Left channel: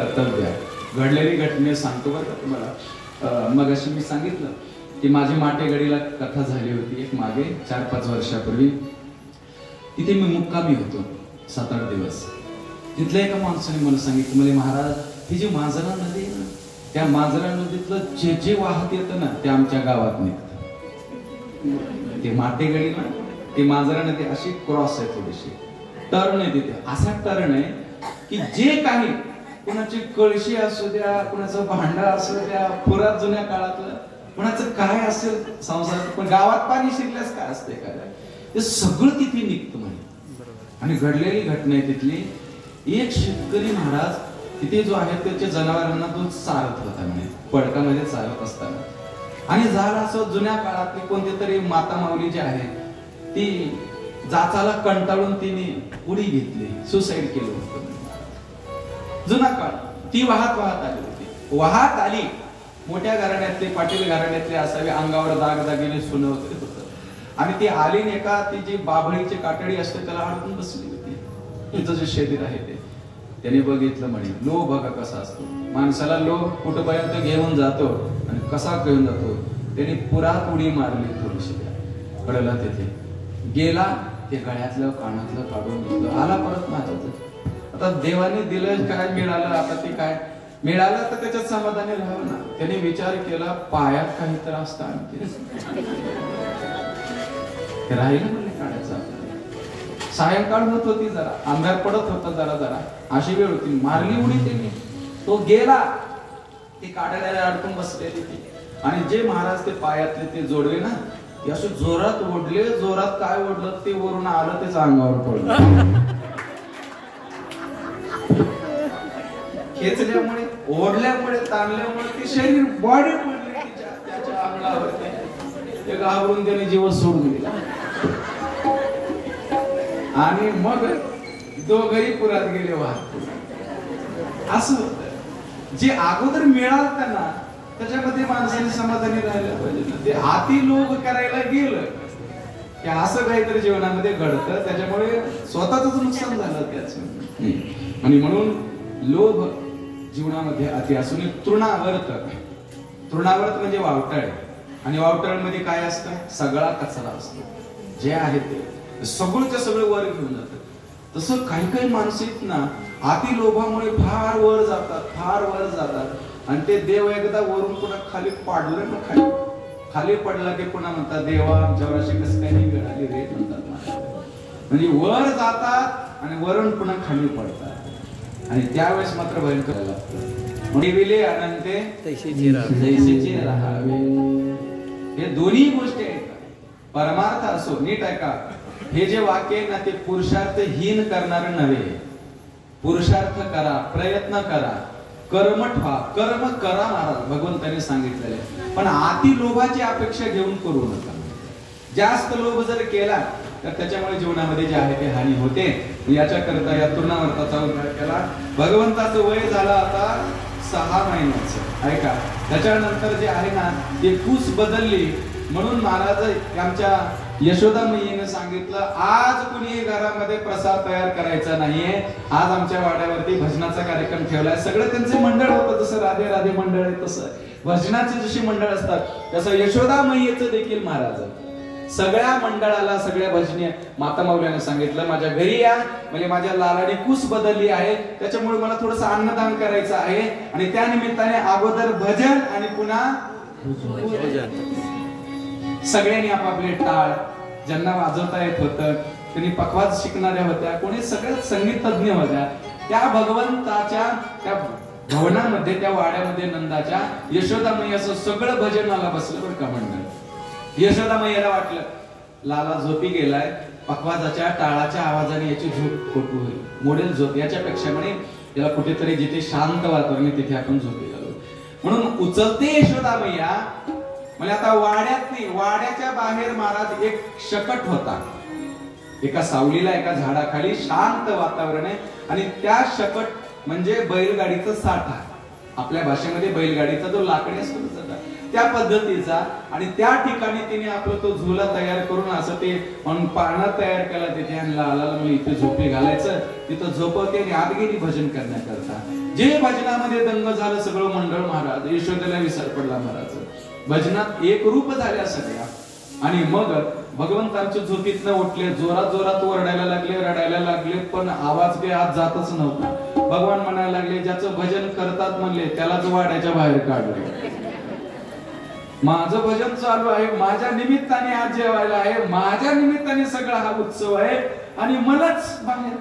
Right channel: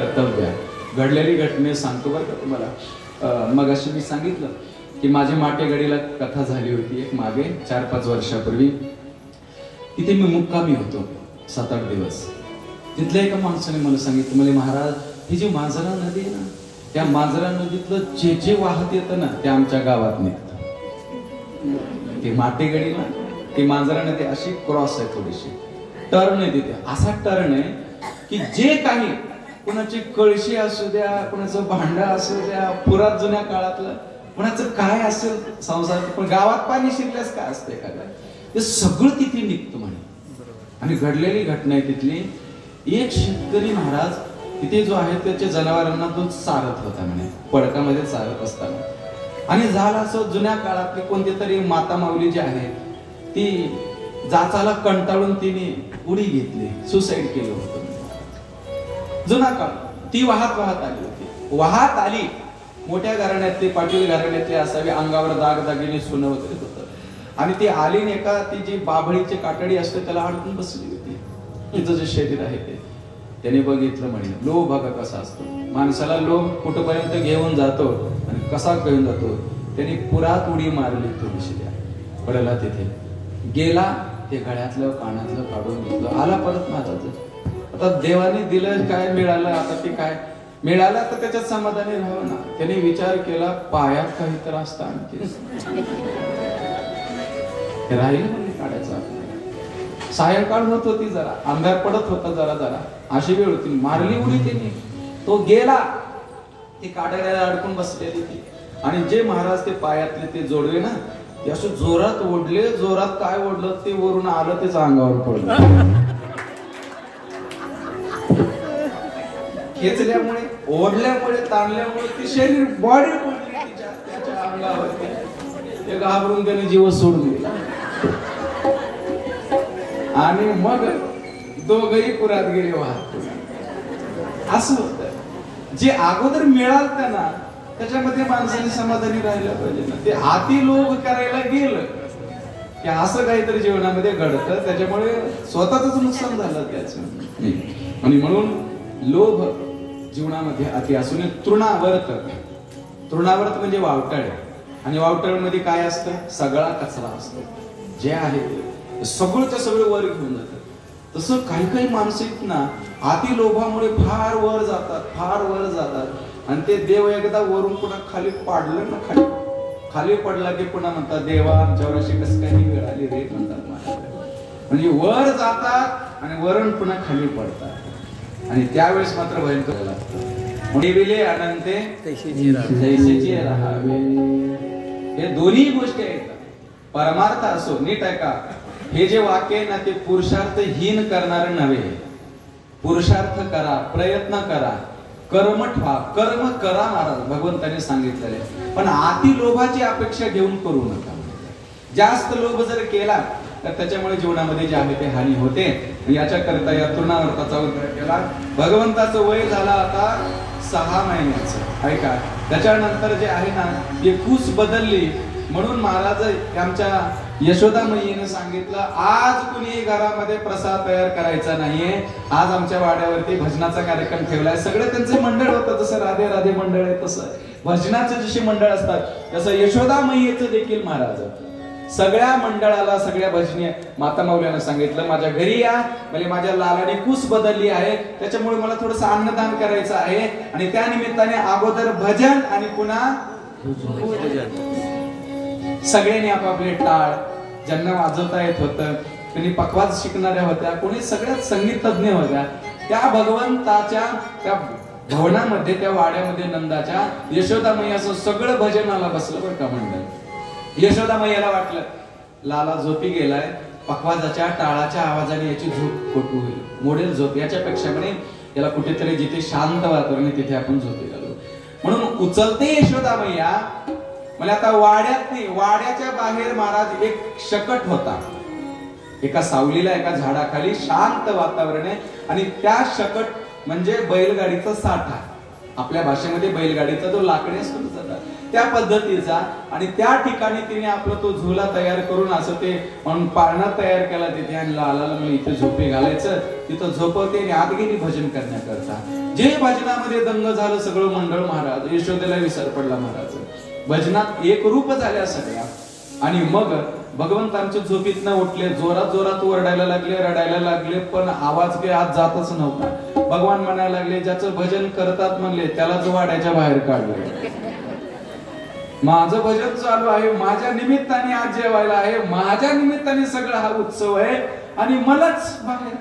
कर्तव्य आहे. घडलेली घटने सांगतो बरं का तुम्हाला. मग अशी मी सांगितलं की माझ्या माटेगडीला कथा झाली होती एक मागे 4-5 वर्षापूर्वी. तिथे मी मुक्कामी होतो 7-8 दिवस. तिथल्या एका माणसाने मला सांगितलं, मला महाराज ही जी मांजरा नदी आहे ना, त्या मांजरा नदीतलं जे जे वाहत येतं ना ते आमच्या गावात निघतं. ती माटेगडी ना, ती मांजरा नदी अशी क्रॉस आहे, थोडीशी टर्न आहे तिथे. असा टर्न आहे की जे काही कुणाची कळशी असू द्या, कुणाचं भांडा असू द्या, पुरात जुन्या काळातलं कुणाचं काय असेल संसारात, पण गावात पाणी शिरल्यास काय असते का, ते सगळं तिथे निघतं म्हणे. आणि घडलेली घटना आहे तिथली. एक शेतकरी महाराज तिथे जो आहे त्याच्या जनावरांना तो चारत होता म्हणे, पडकामध्ये चालत असताना. आणि झालं असं, जुन्या काळातली कोणती तरी माता माऊली जी आहे ती जाचाला कंटाळून तिने उडी घेतली, सुसाईड केलं होतं. जुना काळ. ती वाहत आली होती. वाहत आली, मोठ्या घराण्यातली, पाटील घराण्यातली असावी, अंगावर दागदागिने सोनं वगैरे होतं. आणि ती आली एका ती जी बाभळीची कातडी असते त्याला अडकून बसली होती. तिचं जे शरीर आहे ते त्याने बघितलं म्हणे. लोभ बघा कसा असतो, माणसाला लोभ कुठपर्यंत घेऊन जातो आणि कसा घेऊन जातो. त्याने पुरात उडी मारली थोडीशी, पडला तिथे, गेला, ते गळ्यातलं कानातलं काढून घेतलं, आला परत माझ्यात. आता देवाने दिलं काय मिळालं, आता ते काय मिळालं तर त्याच्यात समाधानी राहावं ना. त्याने विचार केला, पायात काही त्रास आणखी राहिलं म्हणजे काढायचं. सायंकाळ होत होती, जरा अंधार पडत होता, जरा अशी वेळ होती. मारली उडी तिने, तो गेला, ते काढायला अडकून बसले तिथे. आणि जे महाराज ते पायातले ते जोडवे ना, ते असं जोरात ओढले. जोरात काय ओढलं ते वरून आलं, त्याच अंगावर पडलं. खेचल्यामुळे, ओढल्यामुळे, ताणल्यामुळे ती शरीर बॉडी पडली त्याच्या अंगावरती. ते घाबरून त्याने जीव सोडून दिला. आणि मग दोघही पुरात गेले वाहत. असं होत. जे अगोदर मिळालं त्यांना त्याच्यामध्ये माणसाने समाधानी राहायला पाहिजे ना. ते हाती लोभ करायला गेलं की असं काहीतरी जीवनामध्ये घडतं, त्याच्यामुळे स्वतःच नुकसान झालं त्याचं. आणि म्हणून लोभ जीवनामध्ये अति असून तृणावर्त. तृणावर्त म्हणजे वावटळ. आणि वावटळमध्ये काय असतं, सगळा कचरा असतो. जे आहे ते सगळंच्या सगळं वर घेऊन जातात. तसं काही काही माणसं आहेत ना, अति लोभामुळे फार वर जातात. आणि ते देव एकदा वरून पुन्हा खाली पाडलं ना, खाली पडला की पुन्हा म्हणतात, देवा आमच्यावरशी कसं काही मिळाली रे म्हणतात. म्हणजे वर जातात आणि वरून पुन्हा खाली पडतात. आणि त्यावेळेस मात्र भयंकर लागतं. निविले अनंते जैसेचे राहावे. हे दोन्ही गोष्टी आहेत. परमार्थ असो, नीट ऐका, हे जे वाक्य आहे ना ते पुरुषार्थहीन करणार नव्हे. पुरुषार्थ करा, प्रयत्न करा, कर्मठ व्हा. कर्म करा महाराज भगवंताने सांगितलेले. पण अति लोभाची अपेक्षा घेऊन करू नका. जास्त लोभ जर केला तर त्याच्यामुळे जीवनामध्ये जे आहे ते हानी होते. याच्याकरता या तृणावर्ताचा उद्धार केला. भगवंताचं वय झालं आता 6 महिन्याचं. ऐका, त्याच्यानंतर जे आहे ना ती फूस बदलली. म्हणून महाराज आमच्या यशोदा मैयेने सांगितलं, आज कुणी घरामध्ये प्रसाद तयार करायचा नाहीये. आज आमच्या वाड्यावरती भजनाचा कार्यक्रम ठेवलाय. सगळं त्यांचे मंडळ होतं, जसं राधे राधे मंडळ आहे तसं भजनाचे जशी मंडळ असतात तसं यशोदा मैयेचं देखील महाराज सगळ्या मंडळाला, सगळ्या भजनी माता माऊलीने सांगितलं, माझ्या घरी या, म्हणजे माझ्या लालाने कूस बदलली आहे, त्याच्यामुळे मला थोडंसं अन्नदान करायचं आहे. आणि त्या निमित्ताने अगोदर भजन आणि पुन्हा सगळ्यांनी आपापले टाळ, ज्यांना वाजवता येत होतं त्यांनी पखवाज शिकणाऱ्या होत्या, कोणी सगळ्यात संगीत तज्ञ होत्या, त्या भगवंताच्या त्या भवनामध्ये, त्या वाड्यामध्ये नंदाच्या यशोदा मैयाचं सगळं भजनाला बसलं बरं का मंडळ. यशोदा मैयाला वाटलं लाला झोपी गेलाय, पखवाजाच्या टाळाच्या आवाजाने याची झोप खोटू होईल, मोडेल झोप. याच्यापेक्षा म्हणे याला कुठेतरी जिथे शांत वातावरण आहे तिथे आपण झोपी घालू. म्हणून उचलते यशोदा मैया. म्हणजे आता वाड्यात नाही, वाड्याच्या बाहेर महाराज एक शकट होता, एका सावलीला, एका झाडाखाली शांत वातावरण आहे. आणि त्या शकट म्हणजे बैलगाडीचा साठा. आपल्या भाषेमध्ये बैलगाडीचा जो लाकडी असतो त्या पद्धतीचा, आणि त्या ठिकाणी तिने आपला तो झुला तयार करून असं ते पाळणा तयार केला तिथे आणि आला इथे झोपे घालायचं, तिथं झोपवते आणि आत गेली भजन करण्याकरता. जे भजनामध्ये दंग झालं सगळं मंडळ महाराज, यशोदेला विसर पडला महाराज, भजनात एक रूप झाल्या सगळ्या. आणि मग भगवंतांच्या झोपीतनं उठले, जोरात जोरात ओरडायला लागले, रडायला लागले, पण आवाज काही आत जातच नव्हता. भगवान म्हणायला लागले, ज्याचं भजन करतात म्हणले त्यालाच वाड्याच्या बाहेर काढले. माझं भजन चालू आहे, माझ्या निमित्ताने आज जेवायला आहे, माझ्या निमित्ताने सगळा हा उत्सव आहे, आणि मलाच बाहेर.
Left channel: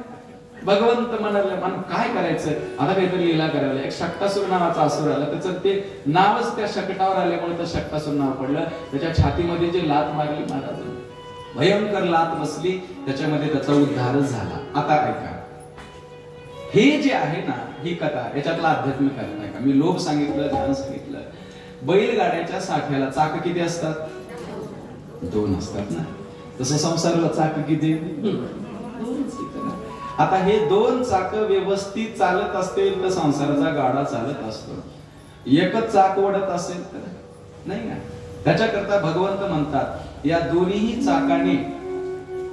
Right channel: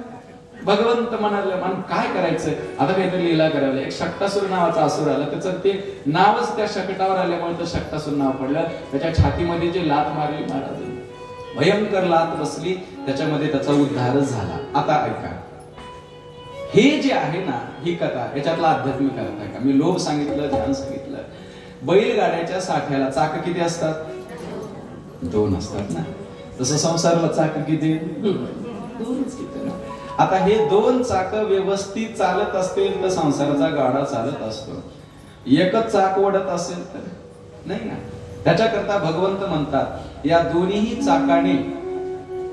भगवंत म्हणाले, मन काय करायचं आता, काहीतरी लीला करायला. एक शक्टासूर नावाचा असुर आला, त्याचं ते नावच त्या शकटावर आल्यामुळे तर शक्टासूर नाव पडलं. त्याच्या छातीमध्ये जे लात मारली महाराज, भयंकर लात बसली, त्याच्यामध्ये त्याचा उद्धार झाला. आता ऐका, हे जे आहे ना, ही कथा, याच्यातला आध्यात्मिक अर्थ आहे का? मी लोभ सांगितलं, ध्यान सांगितलं. बैलगाड्याच्या साठ्याला चाक किती असतात? 2 असतात ना. तसं संसाराला चाक किती? 2. आता हे 2 चाक व्यवस्थित चालत असतील तर संसाराचा गाडा चालत असतो. एकच चाक ओढत असेल तर नाही ना. त्याच्याकरता भगवंत म्हणतात, या दोन्ही चाकाने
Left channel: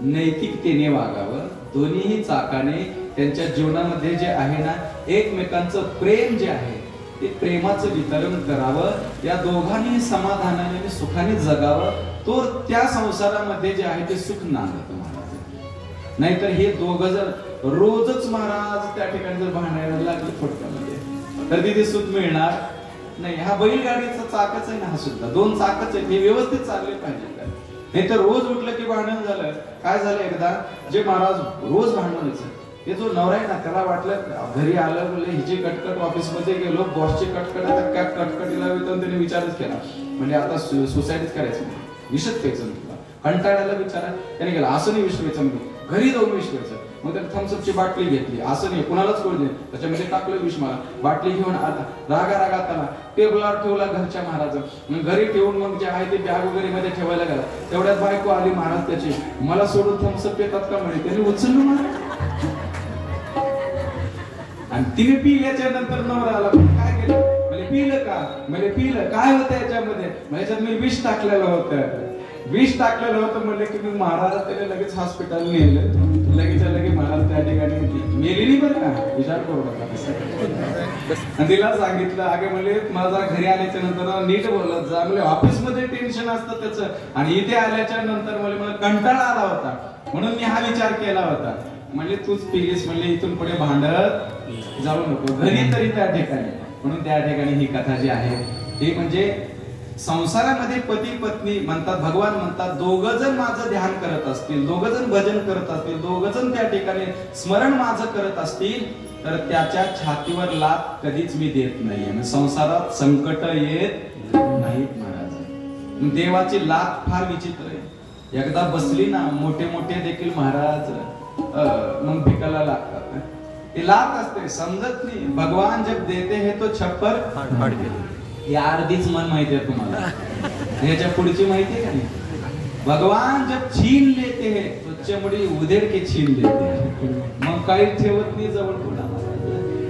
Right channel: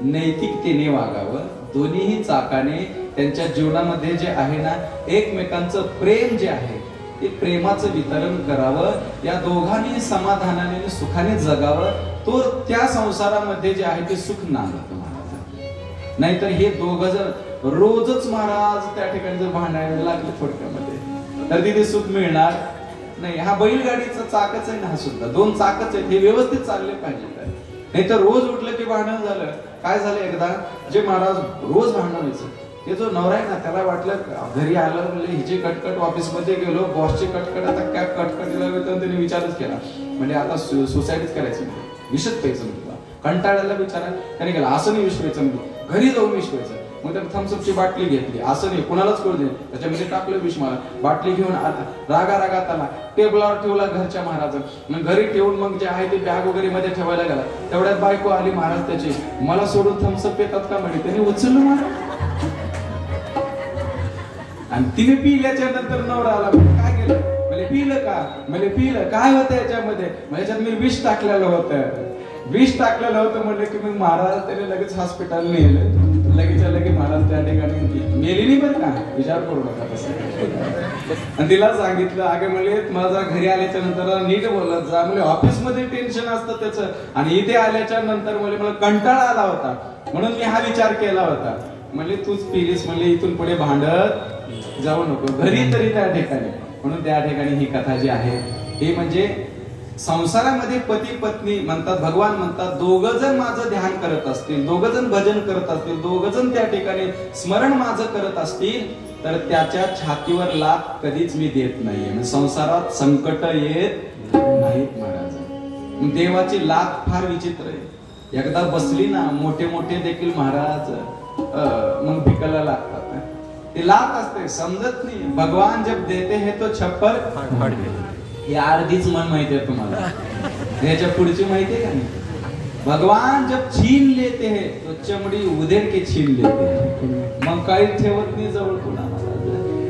नैतिकतेने वागावं, दोन्ही चाकाने त्यांच्या जीवनामध्ये जे आहे ना, एकमेकांचं प्रेम जे आहे ते प्रेमाचं वितरण करावं, या दोघांनी समाधानाने सुखाने जगावं, तो त्या संसारामध्ये जे आहे ते सुख नांदतं महाराज. नाहीतर हे दोघं जर रोजच महाराज त्या ठिकाणी जर भांडायला लागले थोडक्यामध्ये, तर तिथे सुख मिळणार नाही. हा बैलगाडीचा चाकच आहे ना, हा सुद्धा 2 चाकच आहे, ते व्यवस्थित चालले पाहिजे. नाही तर रोज उठलं की भांडण झालं. काय झालं, एकदा जे महाराज रोज भांडायचं, ते जो नवरा आहे ना, त्याला वाटलं घरी आलं म्हणजे हिची कटकट, ऑफिस मध्ये गेलो, बॉसची कटकट, आता काय कटकटीला त्याने विचारच केला, म्हणजे आता सुसाईडच करायचं, विषच प्यायचं म्हटलं. कंटाळायला विचारा त्याने केला, असं नाही विष प्यायचं, घरी जाऊन विष प्यायचं. मग त्याने थम्सअपची बाटली घेतली, असं नाही कुणालाच करू दे, त्याच्यामध्ये टाकलं विष, मला बाटली घेऊन आला, रागा त्याला टेबलावर ठेवला घरच्या महाराज. मग घरी ठेवून मग जे आहे ते बॅग वगैरे मध्ये ठेवायला गेला. तेवढ्यात बायको आली महाराज त्याची, मला सोडून थम्सअप येतात का म्हणे. त्याने उचललं महाराज, आणि तिने पिल्याच्या नंतर नवरा आला, काय केलं, मला पिलं का, मला पिलं काय होतं याच्यामध्ये, याच्यात मी विष टाकलेलं होतं, विष टाकलेलं होतं म्हणले की मी महाराज त्याने लगेच हॉस्पिटल नेलं. लगेच महाराज त्या ठिकाणी मेली नाही बरं का, विचार करू नका कसं. आणि तिला सांगितलं, अगे म्हणजे माझा घरी आल्याच्या नंतर नीट बोलत जा, म्हणजे ऑफिस मध्ये टेन्शन असतं त्याचं, आणि इथे आल्याच्या नंतर मला कंटाळा आला होता, म्हणून मी हा विचार केला होता. म्हणजे तूच पिलीस, म्हणजे इथून पुढे भांडत जाऊ नको घरी तरी त्या ठिकाणी. म्हणून त्या ठिकाणी ही कथा जी आहे हे म्हणजे संसारामध्ये पती पत्नी म्हणतात, भगवान म्हणतात, दोघं जण माझं ध्यान करत असतील, दोघं जण भजन करत असतील, दोघं जण त्या ठिकाणी स्मरण माझं करत असतील, तर त्याच्या छातीवर लात कधीच मी देत नाहीये. संसारात संकट येत नाहीत महाराज. देवाची लात फार विचित्र आहे. एकदा बसली ना, मोठे मोठे देखील महाराज मग भिकायला लागतात. ती लात असते, समजत नाही. भगवान जब देते हैं तो छप्पर या अर्धीच मन माहिती आहे तुम्हाला, याच्या पुढची माहिती आहे का नाही. भगवान जब छीन लेते हैं तो चमडी उधेड़ के छीन लेते हैं, मग काही ठेवत नाही जवळ पुन्हा.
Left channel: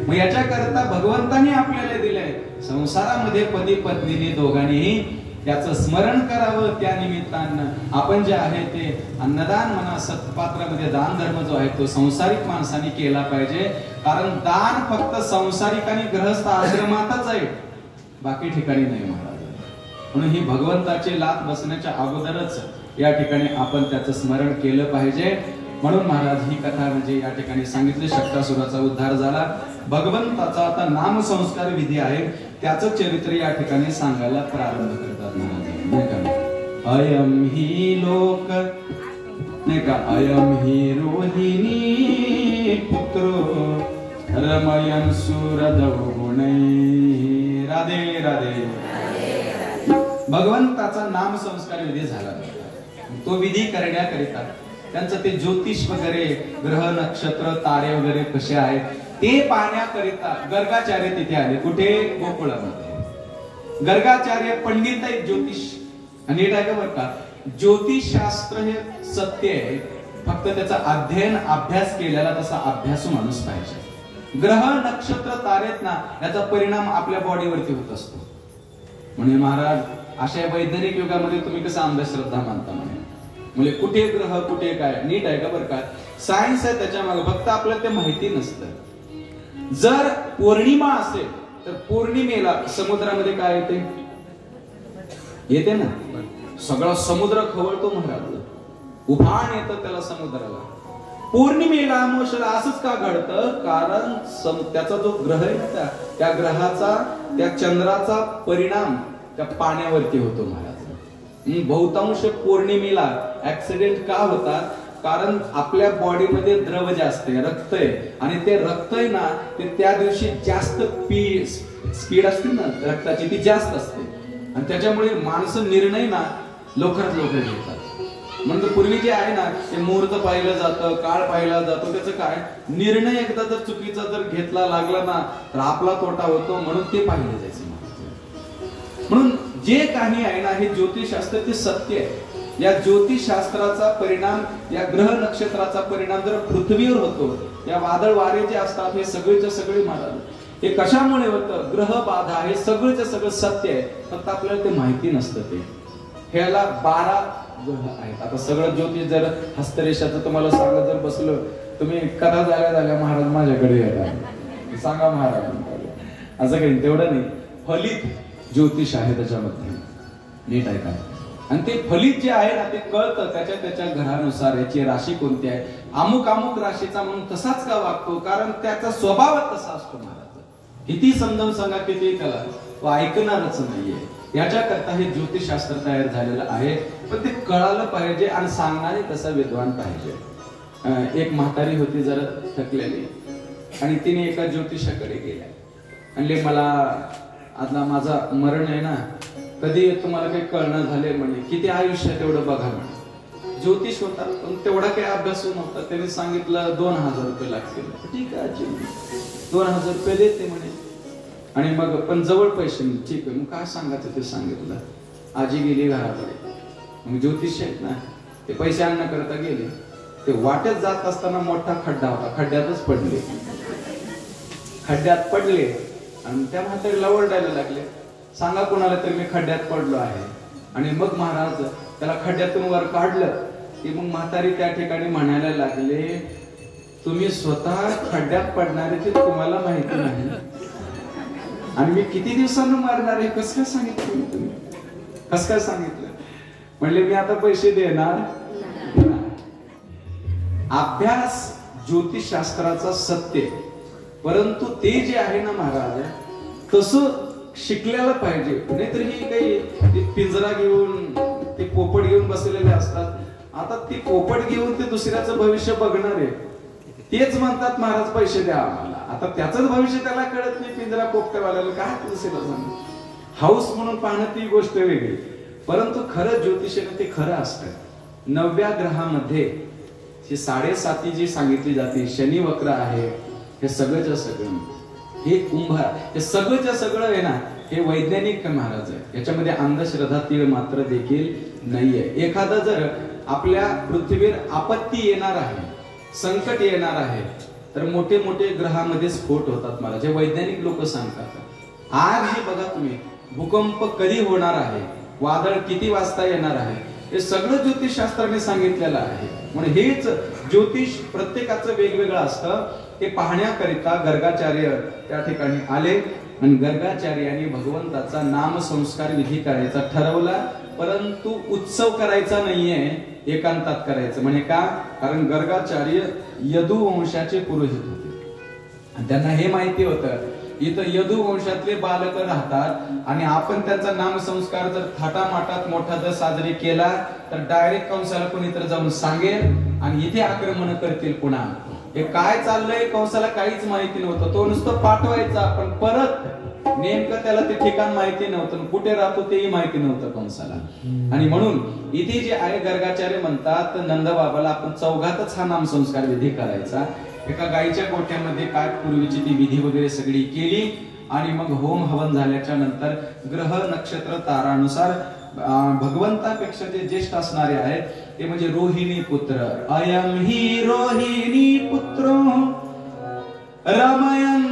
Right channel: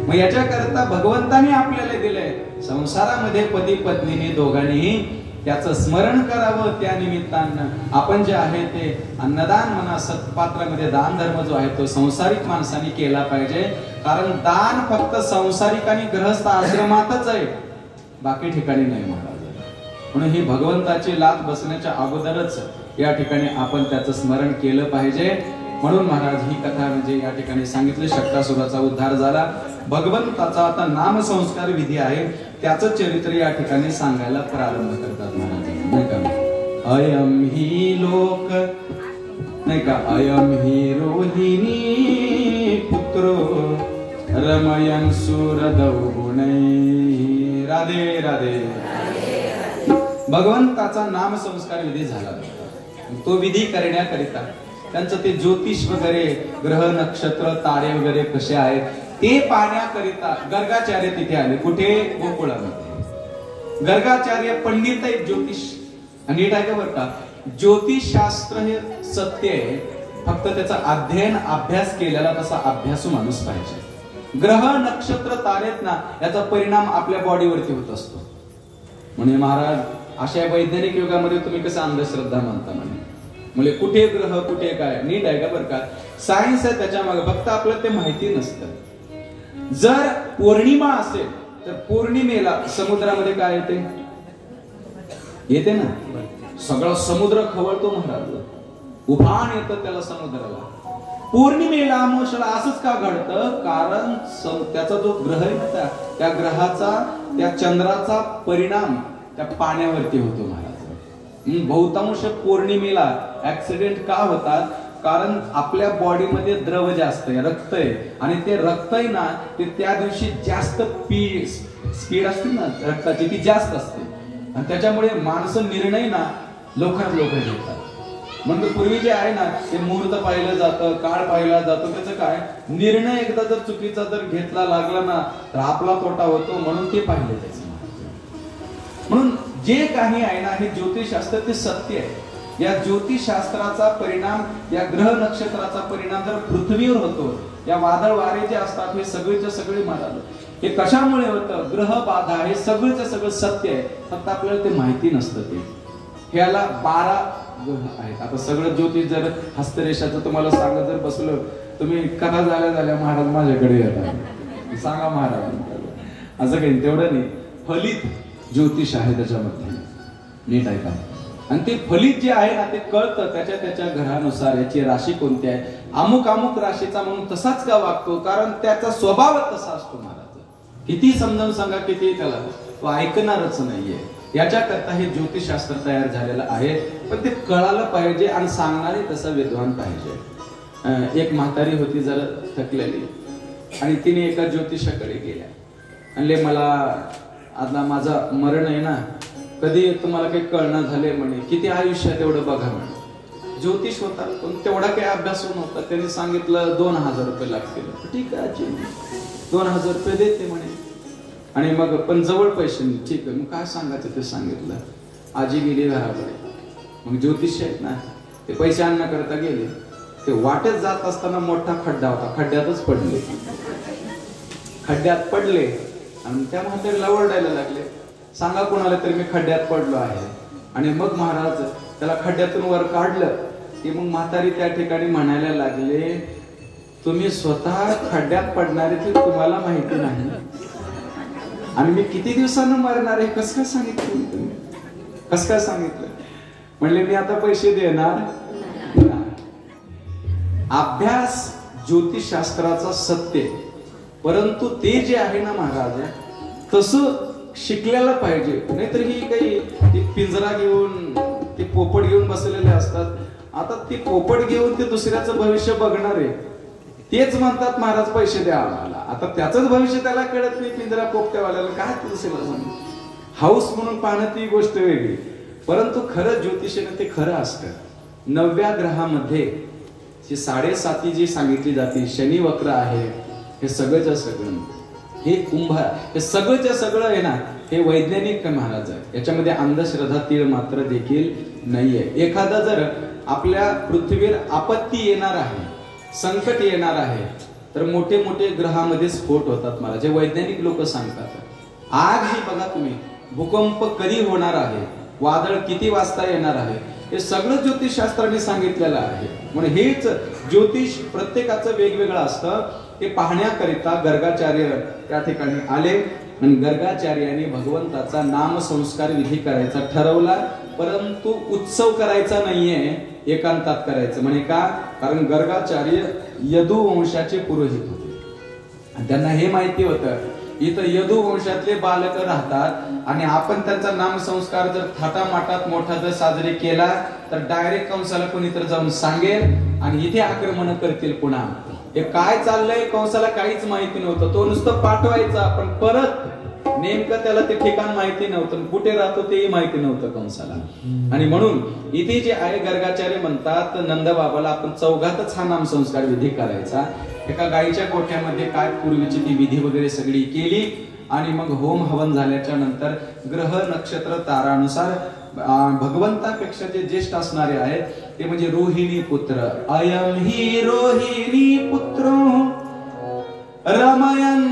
मग याच्या करता भगवंतानी आपल्याला दिलंय, संसारामध्ये पती पत्नीने दोघांनी त्याचं स्मरण करावं. त्या निमित्तानं आपण जे आहे ते अन्नदान म्हणा, सत्पात्रामध्ये दान धर्म जो आहे तो संसारिक माणसाने केला पाहिजे. कारण दान फक्त संसारिक आणि गृहस्थ आश्रमातच आहे, बाकी ठिकाणी नाही महाराज. म्हणून ही भगवंताची लात बसण्याच्या अगोदरच या ठिकाणी आपण त्याचं स्मरण केलं पाहिजे. म्हणून महाराज ही कथा म्हणजे या ठिकाणी सांगितली, शक्तासुराचा उद्धार झाला. भगवंताचा आता नाम संस्कार विधी आहे, त्याचं चरित्र या ठिकाणी सांगायला प्रारंभ करतात महाराज. अयम ही लोक नाही का, अयम ही रोहिणी पुत्रो रमयन सुरदौगुणै. राधे राधे. भगवंताचा नाम संस्कार विधी झाला. तो विधी करण्याकरिता त्यांचं ते ज्योतिष वगैरे, ग्रह नक्षत्र तारे वगैरे कसे आहेत ते पाहण्याकरिता गर्गाचार्य तिथे आले. कुठे? गोकुळामध्ये. गर्गाचार्य पंडित आहेत, ज्योतिष. आणि नीट आहे बरं का, ज्योतिष शास्त्र हे सत्य आहे, फक्त त्याचा अध्ययन अभ्यास केलेला तसा अभ्यासू माणूस पाहिजे. ग्रह नक्षत्र तारेत ना याचा परिणाम आपल्या बॉडीवरती होत असतो. म्हणजे महाराज अशा वैज्ञानिक युगामध्ये तुम्ही कसं अंधश्रद्धा मानता म्हणजे कुठे ग्रह कुठे काय नीट आहे का? बरं का सायन्स आहे त्याच्यामागे, फक्त आपल्याला ते माहिती नसतं. जर पौर्णिमा असेल तर पौर्णिमेला समुद्रामध्ये काय येते ना, सगळा समुद्र खवळतो महाराज, उभाण येतं त्याला समुद्राला. पौर्णिमेला अमावस्येला असंच का घडतं? कारण त्याचा जो ग्रह आहे ना त्या ग्रहाचा त्या चंद्राचा परिणाम त्या पाण्यावरती होतो महाराज. बहुतांश पौर्णिमेला ऍक्सिडेंट का होतात? कारण आपल्या बॉडीमध्ये द्रव जास्त आहे, रक्त आहे, आणि ते रक्त आहे ना ते त्या दिवशी जास्त स्पीड असते ना रक्ताची, ती जास्त असते, आणि त्याच्यामुळे माणसं निर्णय ना लवकरात लवकर घेतात. म्हणजे पूर्वी जे आहे ना ते मुहूर्त पाहिलं जातं, काळ पाहिला जातो, त्याचं काय निर्णय एकदा जर चुकीचा जर घेतला लागला ना तर आपला तोटा होतो, म्हणून ते पाहिलं जायचं. म्हणून जे काही आहे ना हे ज्योतिषशास्त्र ते सत्य आहे. या ज्योतिषशास्त्राचा परिणाम, या ग्रह नक्षत्राचा परिणाम जर पृथ्वीवर होतो, या वादळ वारे जे असतात हे सगळेच्या सगळे महाराज हे कशामुळे होतं? ग्रह बाधा हे सगळेच्या सगळं सत्य आहे, फक्त आपल्याला ते माहिती नसतं. ते ह्याला 12 ग्रह आहेत. आता सगळं ज्योतिष जर हस्तरेषाचं तुम्हाला सांगत जर बसलो तुम्ही, कथा झाल्या महाराज माझ्याकडे येतात, सांगा महाराज, असं काही तेवढं नाही. फलित ज्योतिष आहे त्याच्यामध्ये, नीट आहे का? आणि ते फलित जे आहे ना ते कळतं त्याच्या घरानुसार, याची राशी कोणती आहे, अमुक अमुक राशीचा म्हणून तसाच का वागतो, कारण त्याचा स्वभाव तसा असतो महाराज. किती समजावून सांगा किती त्याला तो ऐकणारच नाहीये. याच्याकरता हे ज्योतिषशास्त्र तयार झालेलं आहे, पण ते कळालं पाहिजे आणि सांगणारे तसा विद्वान पाहिजे. एक म्हातारी होती जरा थकलेली, आणि तिने एका ज्योतिषाकडे गेल्या, म्हणले मला आता माझा मरण आहे ना, कधी तुम्हाला काही कळणं झाले म्हणे, किती आयुष्य आहे तेवढं बघा म्हणे. ज्योतिष होता पण तेवढा काही अभ्यास नव्हता. त्यांनी सांगितलं 2000 रुपये लागतील. ठीक आहे 2000 रुपये देते म्हणे, आणि मग पण जवळ पैसे नाही. ठीक आहे, मग काय सांगायचं ते सांगितलं. आजी गेली घराकडे, मग ज्योतिष आहेत ना ते पैसे आणण्याकरता गेले. ते वाटेत जात असताना मोठा खड्डा होता, खड्ड्यातच पडले. खड्ड्यात पडले आणि त्या म्हातारीला ओरडायला लागले, सांगा कोणाला तरी मी खड्ड्यात पडलो आहे. आणि मग महाराज त्याला खड्ड्यातून वर काढलं. ती मग म्हातारी त्या ठिकाणी म्हणायला लागले, तुम्ही स्वतः खड्ड्यात पडणारे ते तुम्हाला माहिती नाही, आणि मी किती दिवसांना मारणार आहे, कसं काय सांगितलं तुम्ही, कसं काय सांगितलं? म्हणले मी आता पैसे देणार. अभ्यास ज्योतिषशास्त्राचा सत्य, परंतु ते जे आहे ना महाराज तसं शिकलेलं पाहिजे. नाहीतर ही काही पिंजरा घेऊन ते पोपट घेऊन बसलेले असतात. आता ते पोपट घेऊन ते दुसऱ्याचं भविष्य बघणार आहे, तेच म्हणतात महाराज पैसे द्या आम्हाला. आता त्याचंच भविष्य त्याला कळत नाही, पिंजरा पोपट्यावाल्याला काय दुसऱ्याला सांग. हाऊस म्हणून पाहणं ती गोष्ट वेगळी, परंतु खरं ज्योतिषाने ते खरं असतं. 9व्या ग्रहामध्ये जी 7.5 जी सांगितली जाते, शनी वक्र आहे, हे सगळंच्या सगळं, हे कुंभ, हे सगळंच्या सगळं आहे ना हे वैज्ञानिक महाराज आहे. याच्यामध्ये अंधश्रद्धा तीळ मात्र देखील नाहीये. एखादा जर आपल्या पृथ्वीवर आपत्ती येणार आहे, संकट येणार आहे, तर मोठे मोठे ग्रहामध्ये स्फोट होतात महाराज, जे वैज्ञानिक लोक सांगतात. आज ही बघा तुम्ही, भूकंप कधी होणार आहे, वादळ किती वाजता येणार आहे, हे सगळं ज्योतिषशास्त्राने सांगितलेलं आहे. म्हणून हेच ज्योतिष प्रत्येकाचं वेगवेगळं असतं. हे पाहण्याकरिता गर्गाचार्य त्या ठिकाणी आले, आणि गर्गाचार्याने भगवंताचा नाम संस्कार विधी करायचा ठरवला, परंतु उत्सव करायचा नाहीये, एकांतात करायचं. म्हणजे का? कारण गर्गाचार्य यदुवंशाचे पुरोहित होते. त्यांना हे माहिती होतं इथं यदुवंशातले बालक राहतात, आणि आपण त्यांचा नाम संस्कार जर थाटामाटात मोठा जर साजरे केला तर डायरेक्ट कंसाला कोणीतरी जाऊन सांगेल आणि इथे आक्रमण करतील. पुन्हा हे काय चाललंय कंसाला काहीच माहिती नव्हतं. तो नुसतं पाठवायचा, पण परत नेमकं त्याला ते ठिकाण माहिती नव्हतं, कुठे राहतो तेही माहिती नव्हतं कंसाला. आणि म्हणून इथे जे आहे गर्गाचार्य म्हणतात नंदबाबाला आपण चौघातच हा नाम संस्कार विधी करायचा. एका गायीच्या गोठ्यामध्ये काय पूर्वीची ती विधी वगैरे सगळी केली, आणि मग होम हवन झाल्याच्या नंतर ग्रह नक्षत्र तारानुसार भगवंतापेक्षा जे ज्येष्ठ असणारे आहेत ते म्हणजे रोहिणी पुत्र, अयम ही रोहिणी पुत्र रमयन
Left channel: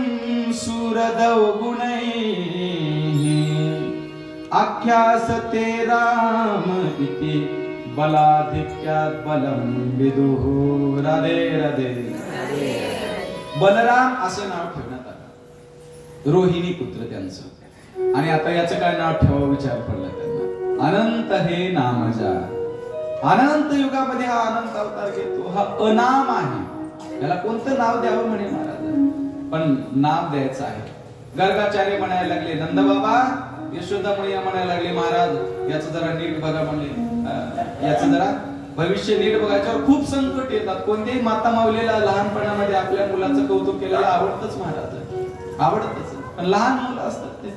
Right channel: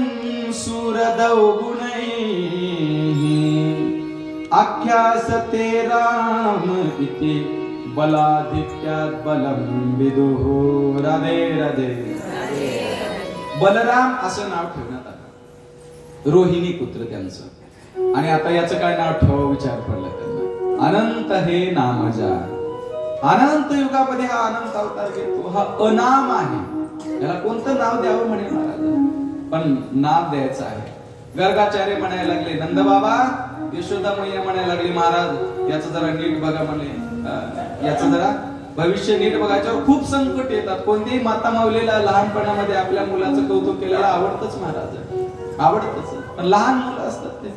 सूरदौ गुणैः आख्यासते राम इति बलाधिक्यात् बलं विदुः। राधे राधे। बलराम असं नाव ठेवण्यात आलं, रोहिणी पुत्र त्यांचं। आणि आता याचं काय नाव ठेवावं विचार पडला त्यांना। अनंत हे नामजा, अनंत युगामध्ये हा अनंत अवतार घेतो, हा अनाम आहे, त्याला कोणतं नाव द्यावं म्हणे महाराज, पण नाव द्यायचं आहे। गर्गाचार्य म्हणायला लागले, नंद बाबा, यशोदा मैया म्हणायला लागली, महाराज याचं जरा नीट बघा म्हणे, याचं जरा भविष्य नीट बघायच्यावर खूप संकट येतात। कोणत्याही माता माऊलीला लहानपणामध्ये आपल्या मुलाचं कौतुक केलेलं आवडतच महाराज, आवडतच। पण लहान मुलं असतात ते,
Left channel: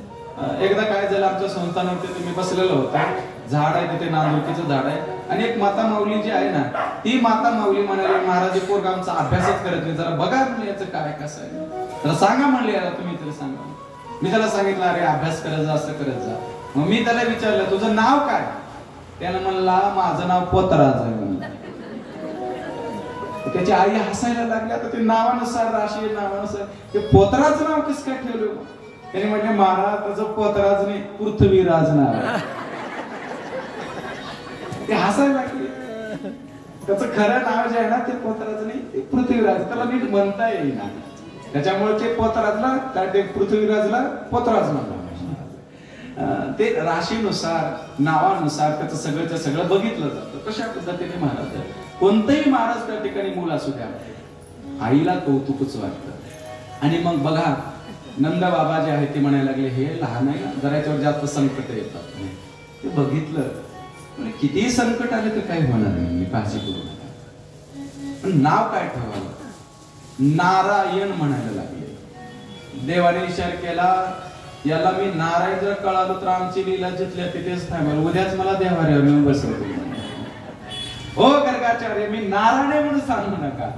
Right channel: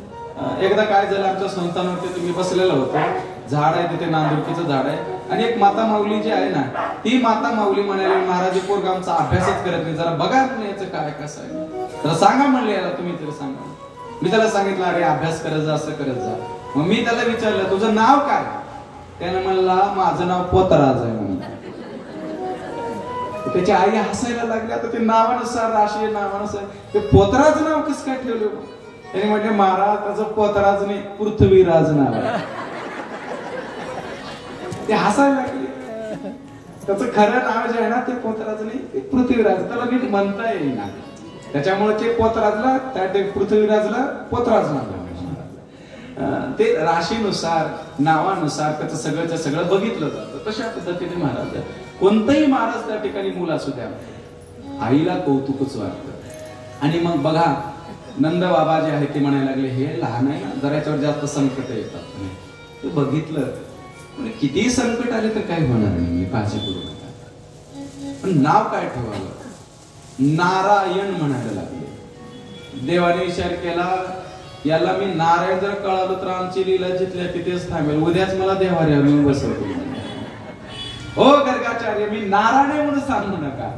एकदा काय झालं, आमच्या संस्थानावरती तुम्ही बसलेलं होतं, झाड आहे तिथे, नांदुरकीचं झाड आहे, आणि एक माता माऊली जी आहे ना, ती माता माऊली म्हणाली, महाराज पोरगा आमचा अभ्यासच करत नाही, जरा बघा याचं काय कसं आहे, तर सांगा म्हणले याला, तुम्ही तरी सांगा। मी त्याला सांगितलं, अरे अभ्यास करत जा, असं करत जा। मग मी त्याला विचारलं, तुझं नाव काय? त्याने म्हणला, माझं नाव पोतराज आहे म्हणून। त्याची आई हसायला लागली, आता ते नावानुसार, राशी नावानुसार ते पोतराज नाव कसं काय ठेवलं? त्याने म्हटले, महाराज त्याचं पोतराज नाही, पृथ्वीराज नाव आहे। ते हसायला लागले, त्याचं खरं नाव जे आहे ना ते पोतराज नाही, ते पृथ्वीराज, त्याला नीट म्हणता येईना, त्याच्यामुळे ते पोतराजला, ते पृथ्वीराजला पोतराज म्हणला। ते राशीनुसार, नावानुसार त्याचं सगळं बघितलं जातं। तशा पद्धतीने महाराज, कोणतंही महाराज त्या ठिकाणी मूल असू द्या, आईला कौतुकच वाटतं। आणि मग बघा, नंद बाबा जे आहे ते म्हणायला लागले, हे लहान आहे ना, जरा याच्यावर जास्त संकट येतात, ते बघितलं, कितीही संकट आले तर काही होणार नाही, मी काळजी करू नका, पण नाव काय ठेवावं? नारायण म्हणायला लागले। देवाने विचार केला, याला मी नारायण जर कळालो तर आमची लीला जिथल्या तिथेच थांबेल, उद्याच मला देवाऱ्यावर येऊन बसवतील। हो गर्गाचार्य, मी नारायण म्हणून सांगू नका,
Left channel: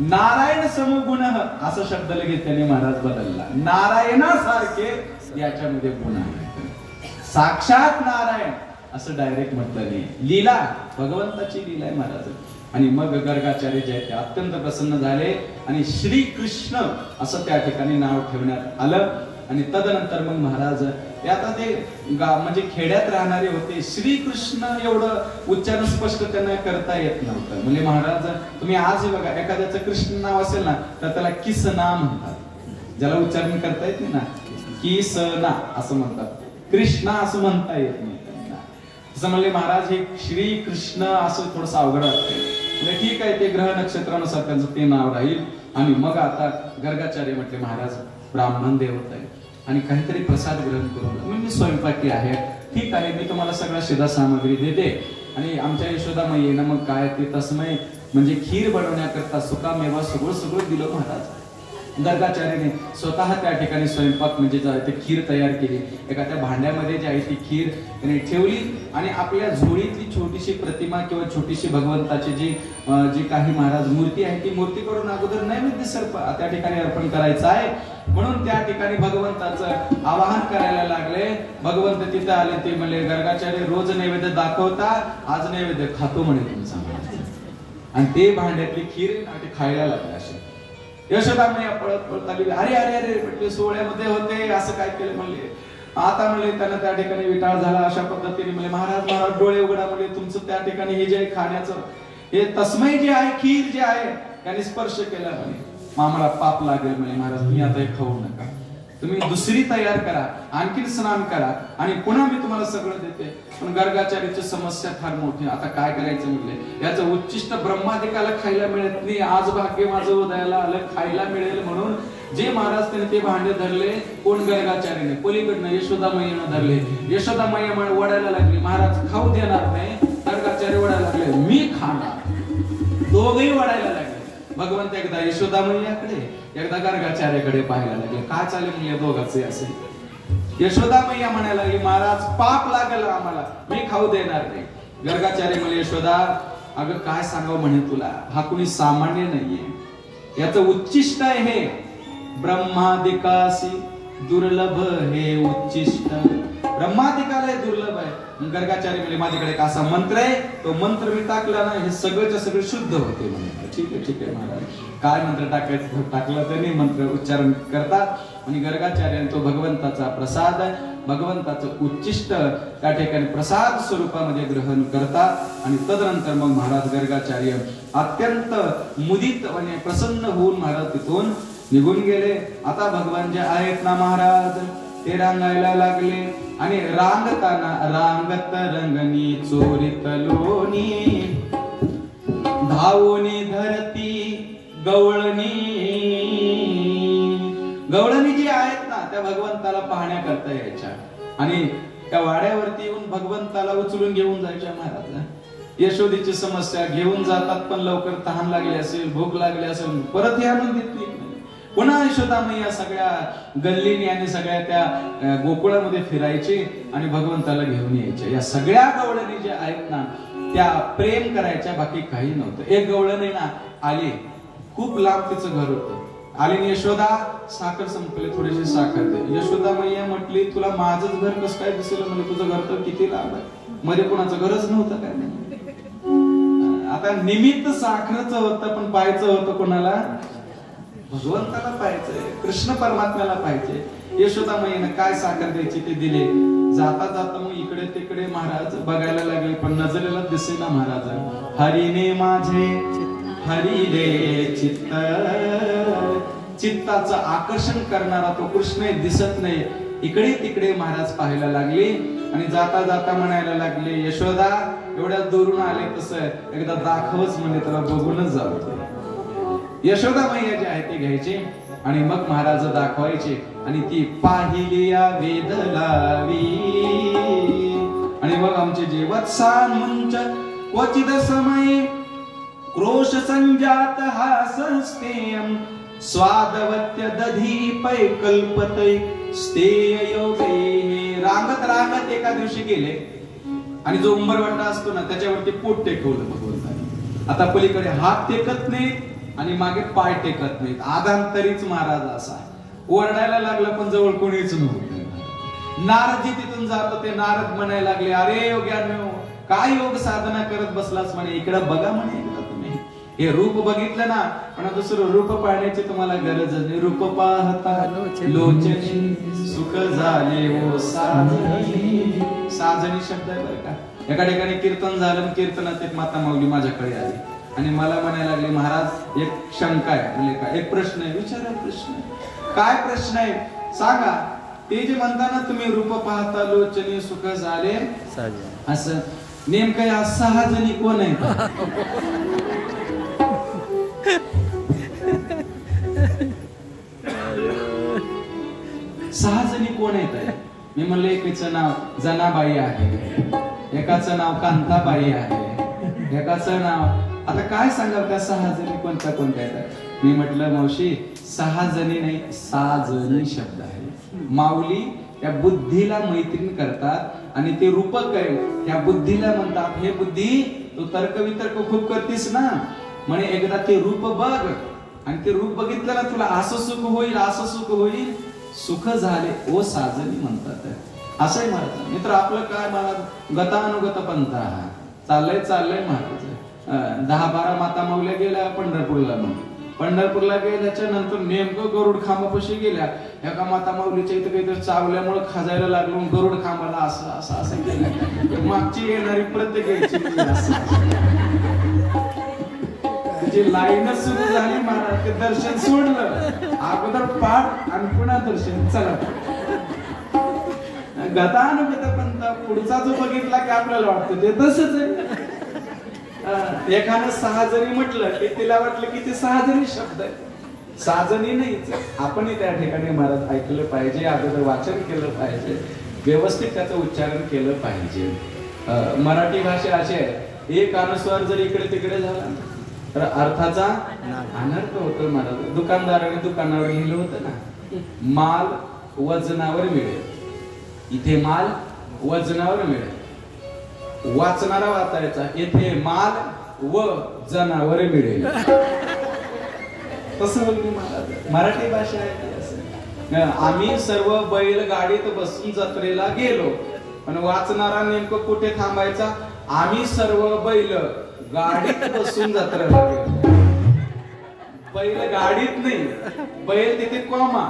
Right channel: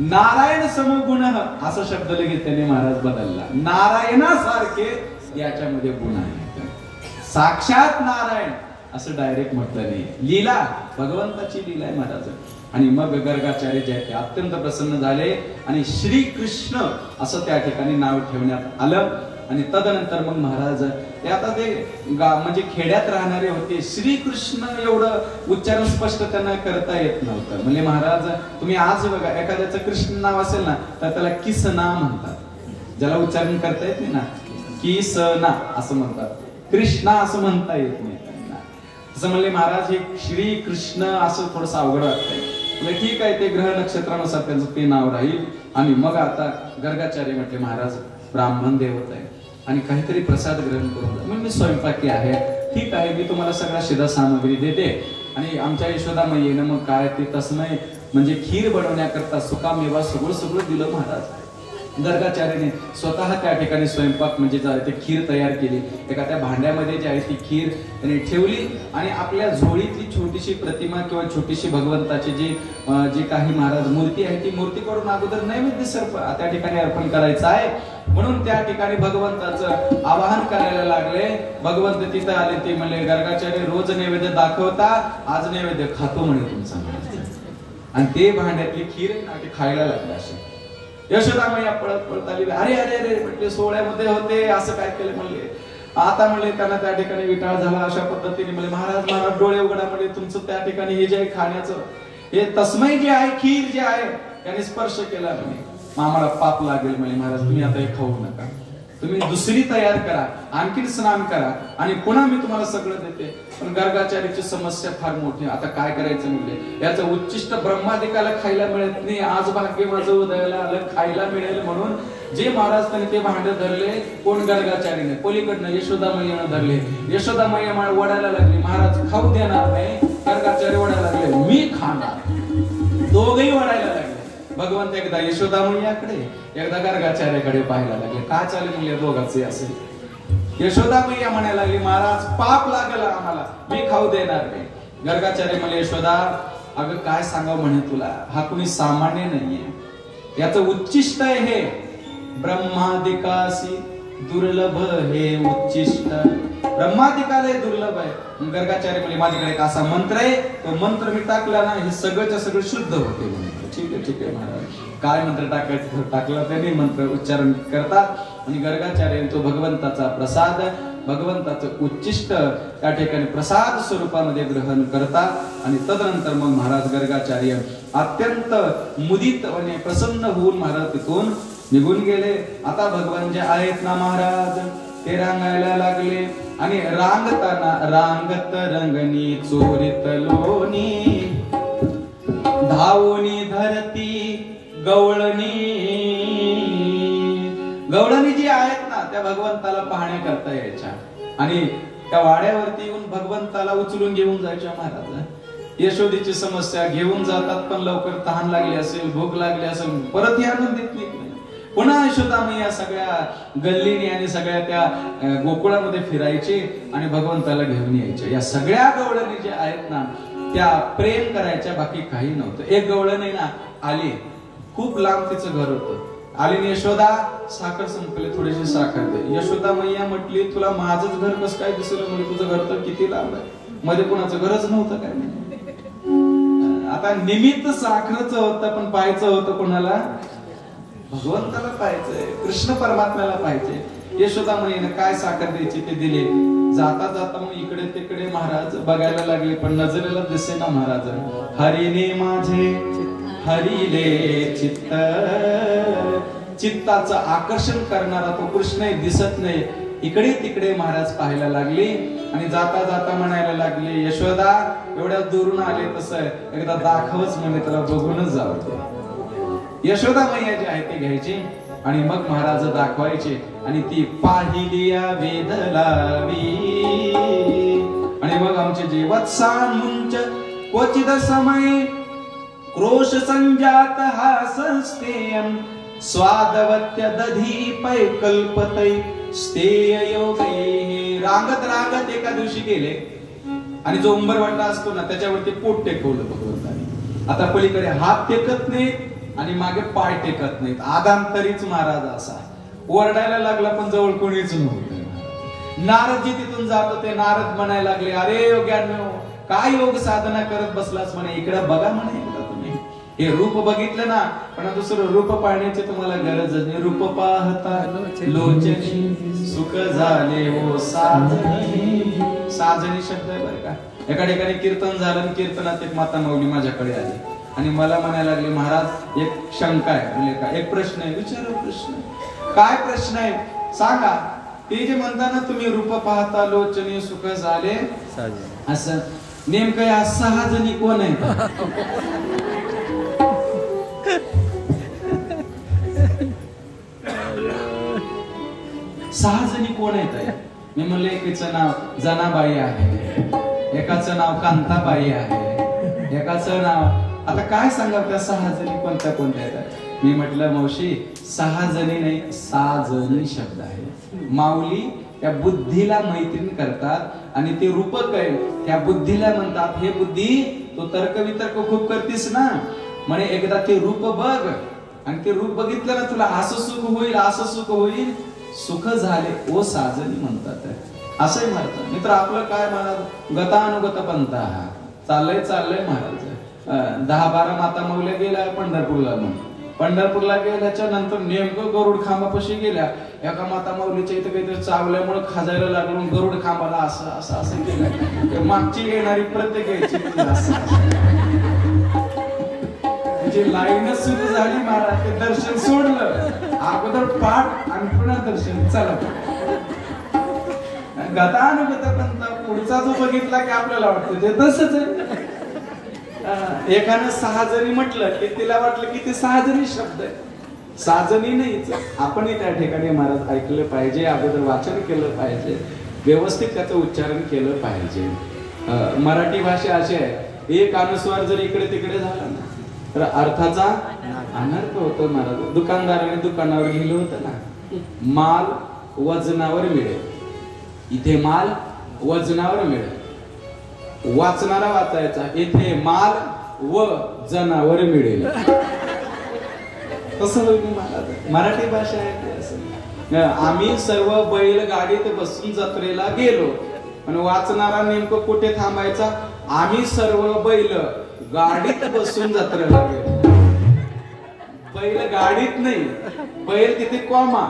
नारायण समगुण असा शब्द लगेच त्यांनी महाराज बदलला। नारायणासारखे याच्यामध्ये गुण आहेत, साक्षात नारायण असं डायरेक्ट म्हटलं नाही, लीला भगवंताची लीला आहे महाराज। आणि मग गर्गाचार्य जे आहे ते अत्यंत प्रसन्न झाले आणि श्री कृष्ण असं त्या ठिकाणी नाव ठेवण्यात आलं। आणि तदनंतर मग महाराज ते आता ते म्हणजे खेड्यात राहणारे होते, श्रीकृष्ण एवढं उच्चारण स्पष्ट त्यांना करता येत नव्हतं। म्हणजे महाराज तुम्ही आज बघा, एखाद्याचं कृष्ण नाव असेल ना तर त्याला किसना म्हणतात, ज्याला उच्चारण करता येत नाही ना, किसना असं म्हणतात, कृष्णा असं म्हणता येत नाही त्यांना। असं म्हणले महाराज, हे श्री कृष्ण असं थोडंसं अवघड वाटतंय, ठीक आहे, ते ग्रह नक्षत्रानुसार त्यांचं ते नाव राहील। आणि मग आता गर्गाचार्य म्हटले, महाराज ब्राह्मण देवत आहे आणि काहीतरी प्रसाद ग्रहण करून, मग मी स्वयंपाकी आहे, ठीक आहे, मी तुम्हाला सगळ्या शिधा सामग्री देते। आणि आमच्या यशोदा मैयेनं मग काय ते तस्मय म्हणजे खीर बनवण्याकरता सुकामेवा सगळं दिलं महाराज। गर्गाचार्याने स्वतः त्या ठिकाणी स्वयंपाक म्हणजे ते खीर तयार केली, एका त्या भांड्यामध्ये जी आहे ती खीर त्याने ठेवली आणि आपल्या झोळीतली छोटीशी प्रतिमा किंवा छोटीशी भगवंताची जी काही महाराज मूर्ती आहे, ती मूर्ती करून अगोदर नैवेद्य सर्प त्या ठिकाणी अर्पण करायचं आहे, म्हणून त्या ठिकाणी भगवंताचं आवाहन करायला लागले। भगवंत तिथं आले, ते म्हणले, गर्गाचार्य रोज नैवेद्य दाखवतात, आज नैवेद्य खातो म्हणे तुमचा। आणि ते भांड्यातली खीर खायला लागले असे। यशोदा मैया पळत पळत आली, अरे अरे अरे म्हटले, सोहळ्यामध्ये होते असं काय केलं म्हणले, आता म्हणले त्यांना त्या ठिकाणी विटाळ झाला। अशा पद्धतीने म्हणले, महाराज डोळे उघडा, म्हणजे तुमचं त्या ठिकाणी हे जे आहे खाण्याचं, हे तस्मै जे आहे, खीर जे आहे त्याने स्पर्श केला म्हणे, आम्हाला पाप लागेल म्हणे, महाराज तुम्ही आता हे खाऊ नका, तुम्ही दुसरी तयार करा, आणखी स्नान करा आणि पुन्हा मी तुम्हाला सगळं देते। पण गर्गाचार्याची समस्या फार मोठी, आता काय करायचं म्हणले, याचं उच्चिष्ट ब्रह्मादिकाला खायला मिळत नाही, आज भाग्य माझं उदयाला आलं, खायला मिळेल म्हणून जे महाराज त्यांनी ते भांडे धरले, कोण गर्गाचार्याने, पलीकडनं यशोदा मैयानं धरले। यशोदा मैया वडायला लागली, महाराज खाऊ देणार नाही, गर्गाचार्य वडायला लागले, मी खाणार, दोघेही वडायला लागले। भगवंत एकदा यशोदा मैयाकडे एकदा गर्गाचार्याकडे पाहायला लागले, काय चालेल म्हणले दोघांचे असे। यशोदा मैया म्हणायला लागली, महाराज पाप लागलं आम्हाला, मी खाऊ देणार नाही। गर्गाचार्य म्हणले, यशोदा अगं काय सांगावं म्हणे तुला, हा कुणी सामान्य नाहीये, याचं उच्चिष्ट आहे हे, ब्रह्मादिकासी दुर्लभ हे उच्चिष्ट, ब्रह्मादिकाला दुर्लभ आहे। गर्गाचार्य म्हणजे माझ्याकडे एक असा मंत्र आहे, तो मंत्र मी टाकला ना, हे सगळंच्या सगळं शुद्ध होते म्हणे। ठीक आहे महाराज, काय मंत्र टाकायचं टाकलं त्यांनी मंत्र उच्चारण करतात आणि गर्गाचार्य तो भगवंताचा प्रसाद भगवंताचं उच्चिष्ट त्या ठिकाणी प्रसाद स्वरूपामध्ये ग्रहण करतात आणि तदनंतर मग महाराज गर्गाचार्य अत्यंत मुदित म्हणजे प्रसन्न होऊन महाराज तिथून निघून गेले. आता भगवान जे आहेत ना महाराज ते रांगायला लागले आणि रांगताना रांगत रंगनी चोरीत लोणी धावणी धरती गवळणी गवळणी जी आहेत ना त्या भगवंताला पाहण्याकरता यायच्या आणि त्या वाड्यावरती येऊन भगवंताला उचलून घेऊन जायच्या महाराज. यशोदेची समस्या घेऊन जातात पण लवकर तहान लागली असेल भूक लागली असेल परत हे आणून देत नाही. पुन्हा यशोदामय्या सगळ्या गल्लीने आणि सगळ्या त्या गोकुळामध्ये फिरायचे आणि भगवंताला घेऊन यायचे. या सगळ्या गवळणी ज्या आहेत ना त्या प्रेम करायच्या बाकी काही नव्हतं. एक गवळणी ना आली खूप लांब तिचं घर होतं. आली यशोदा साखर संपली थोडीशी साखर दे. यशोदा मैया म्हटली तुला माझंच घर कसं काय दिसलं म्हणजे तुझं घर तर किती लांब आहे मध्ये कोणाचं घरच नव्हतं काय. आता निमित्त साखरचं होतं पण पाहायचं होतं कोणाला भगवंताला पाहायचंय कृष्ण परमात्म्याला पाहायचंय. यशोदा मैयाने काय साखर द्यायची ते दिले. जाता जाता मग इकडे तिकडे महाराज बघायला लागले पण नजरेला दिसे ना महाराज. हरिने माझे हरिले चित्त चित्ताचं आकर्षण करणारा तो कृष्ण दिसत नाही. इकडे तिकडे महाराज पाहायला लागले आणि जाता जाता म्हणायला लागले यशोदा एवढ्या दुरून आले तसं एकदा दाखवच म्हणे त्याला बघूनच जावं. यशोदा मैया जी आहे ती घ्यायची आणि मग महाराज दाखवायचे आणि ती पाहिलिया वेद लावी आणि मग आमचे जे वत्सान मुंच क्वचित समय क्रोश संजात हासस्तेयम स्वादवत्य दधी पै कल्पतै स्तेय योगे. रांगत रांगत एका दिवशी गेले आणि जो उंबरवाटा असतो ना त्याच्यावरती पोट टेकवलं भगवंताने. आता पलीकडे हात टेकत नाही आणि मागे पाय टेकत नाहीत. आदांतरीच महाराज असा ओरडायला लागला पण जवळ कोणीच नव्हतं. नारदजी तिथून जात होते. नारद म्हणायला लागले अरे योग्यानो काय योग साधना करत बसलास म्हणे इकडे बघा म्हणे तुम्ही हे रूप बघितलं ना पण दुसरं रूप पाहण्याची तुम्हाला गरज नाही. रूप पाहता लोचनी सुख झाले हो साजनी. साजनी शब्द आहे बरं का. एका ठिकाणी कीर्तन झालं कीर्तनात एक माता माऊली माझ्याकडे आली आणि मला म्हणायला लागले महाराज एक शंका आहे. म्हणजे काय एक प्रश्न आहे. विचारा प्रश्न. काय प्रश्न आहे सांगा. ते जे म्हणताना तुम्ही रूप पाहता लोचनी सुख झाले असं नेमकं या 6 जणी कोण आहे. 6 जणी कोण आहेत. मी म्हणलं एकीचं नाव जनाबाई आहे एकाचं नाव कांताबाई आहे एकाचं नाव आता काय सांगा त्या 6 जणी कोणत्या कोणत्या आहेत. मी म्हटलं मावशी 6 जणी नाही 6 जणी शब्द आहे. माऊली त्या बुद्धीला मैत्रीण करतात आणि ते रूपक आहे त्या बुद्धीला म्हणतात हे बुद्धी तो तर्क वितर्क खूप करतीस ना म्हणे एकदा ते रूप बघ आणि ते रूप बघितलं ना तुला असं सुख होईल असं सुख होईल. सुख झाले ओ साजनी म्हणतात असंही म्हणतात. मित्र आपलं काय मला गतानुगत पंथा चाललंय महाराज. 10-12 माता माऊल्या गेल्या पंढरपूरला. मग पंढरपूरला गेल्याच्या नंतर नेमकं गरुड खांबापाशी गेल्या. एका माता माऊलीच्या इथे काहीतरी चावल्यामुळे खाजायला लागलो गरुड खांबाला असं असं असं केलं. मागची येणारी प्रत्येक यायची तिची लाईनच सुरू झाली महाराज. ते दर्शन सोडलं अगोदर पाठ आणि पुन्हा दर्शन चला. गतानुगत पंथा पुढचा जो बघितला की आपल्याला वाटतं ते तसंच आहे. एकानं 6 जणी म्हटलं की तिला वाटलं की ते 6 जणी शब्द आहे. 6 जणी नाही. आपणही त्या ठिकाणी महाराज ऐकलं पाहिजे अगोदर वाचन केलं पाहिजे व्यवस्थित त्याचं उच्चारण केलं पाहिजे. मराठी भाषा अशी आहे एक अनुस्वार जर इकडे तिकडे झाला ना तर अर्थाचा अनर्थ होतो महाराज. दुकानदाराने दुकानावर लिहिलं होतं ना माल वजनावर मिळेल. इथे माल वजनावर मिळेल. वाचणारा वाचायचा इथे माल व जनावर मिळेल. तसं मराठी भाषा आहे असं. आम्ही सर्व बैल गाडीत बसून जत्रेला गेलो पण वाचणारा नेमकं कुठे थांबायचा. आम्ही सर्व बैल गाडीत बसून जत्रेला गेलो. बैल गाडीत नाही, बैल तिथे कॉमा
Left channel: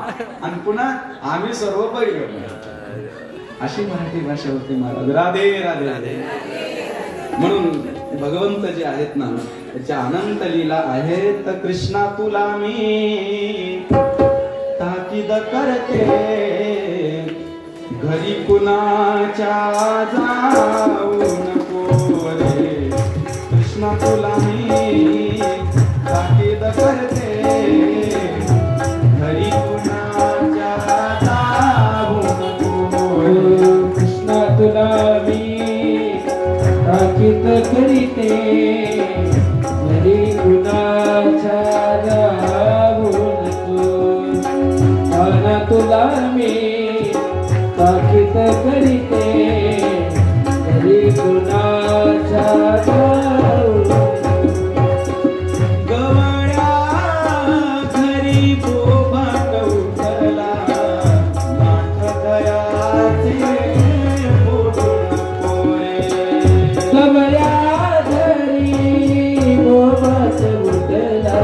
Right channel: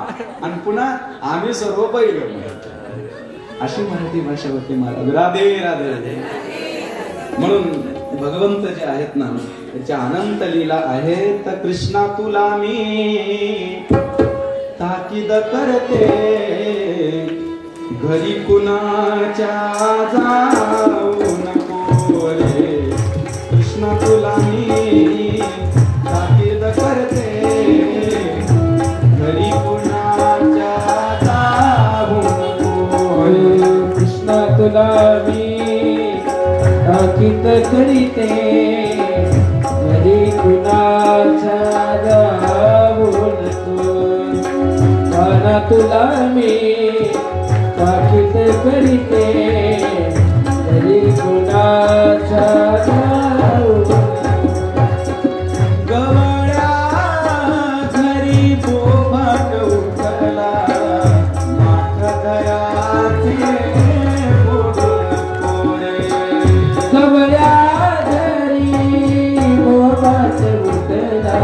आणि पुन्हा आम्ही सर्व बैल. अशी मराठी भाषा होती महाराज. राधे राधे राधे. म्हणून भगवंत जे आहेत ना त्याच्या अनंत लीला आहेत. कृष्णा तुला मी ताकीद करते, घरी कुणाच्या जाऊ नको रे. कृष्णा तुला मी ताकीद करते, घरी कुणाच्या जाऊ नको रे. कृष्णा तुला मी ताकीद करीते, घरी कुणाच्या जाऊ नको. मन तुला मी ताकीद करीते, घरी कुणाच्या जाऊ नको. गवळ्या घरी बोभाट उठला, माठ घराचे फोडून कोरे. गवळ्या घरी बोभाट उठला,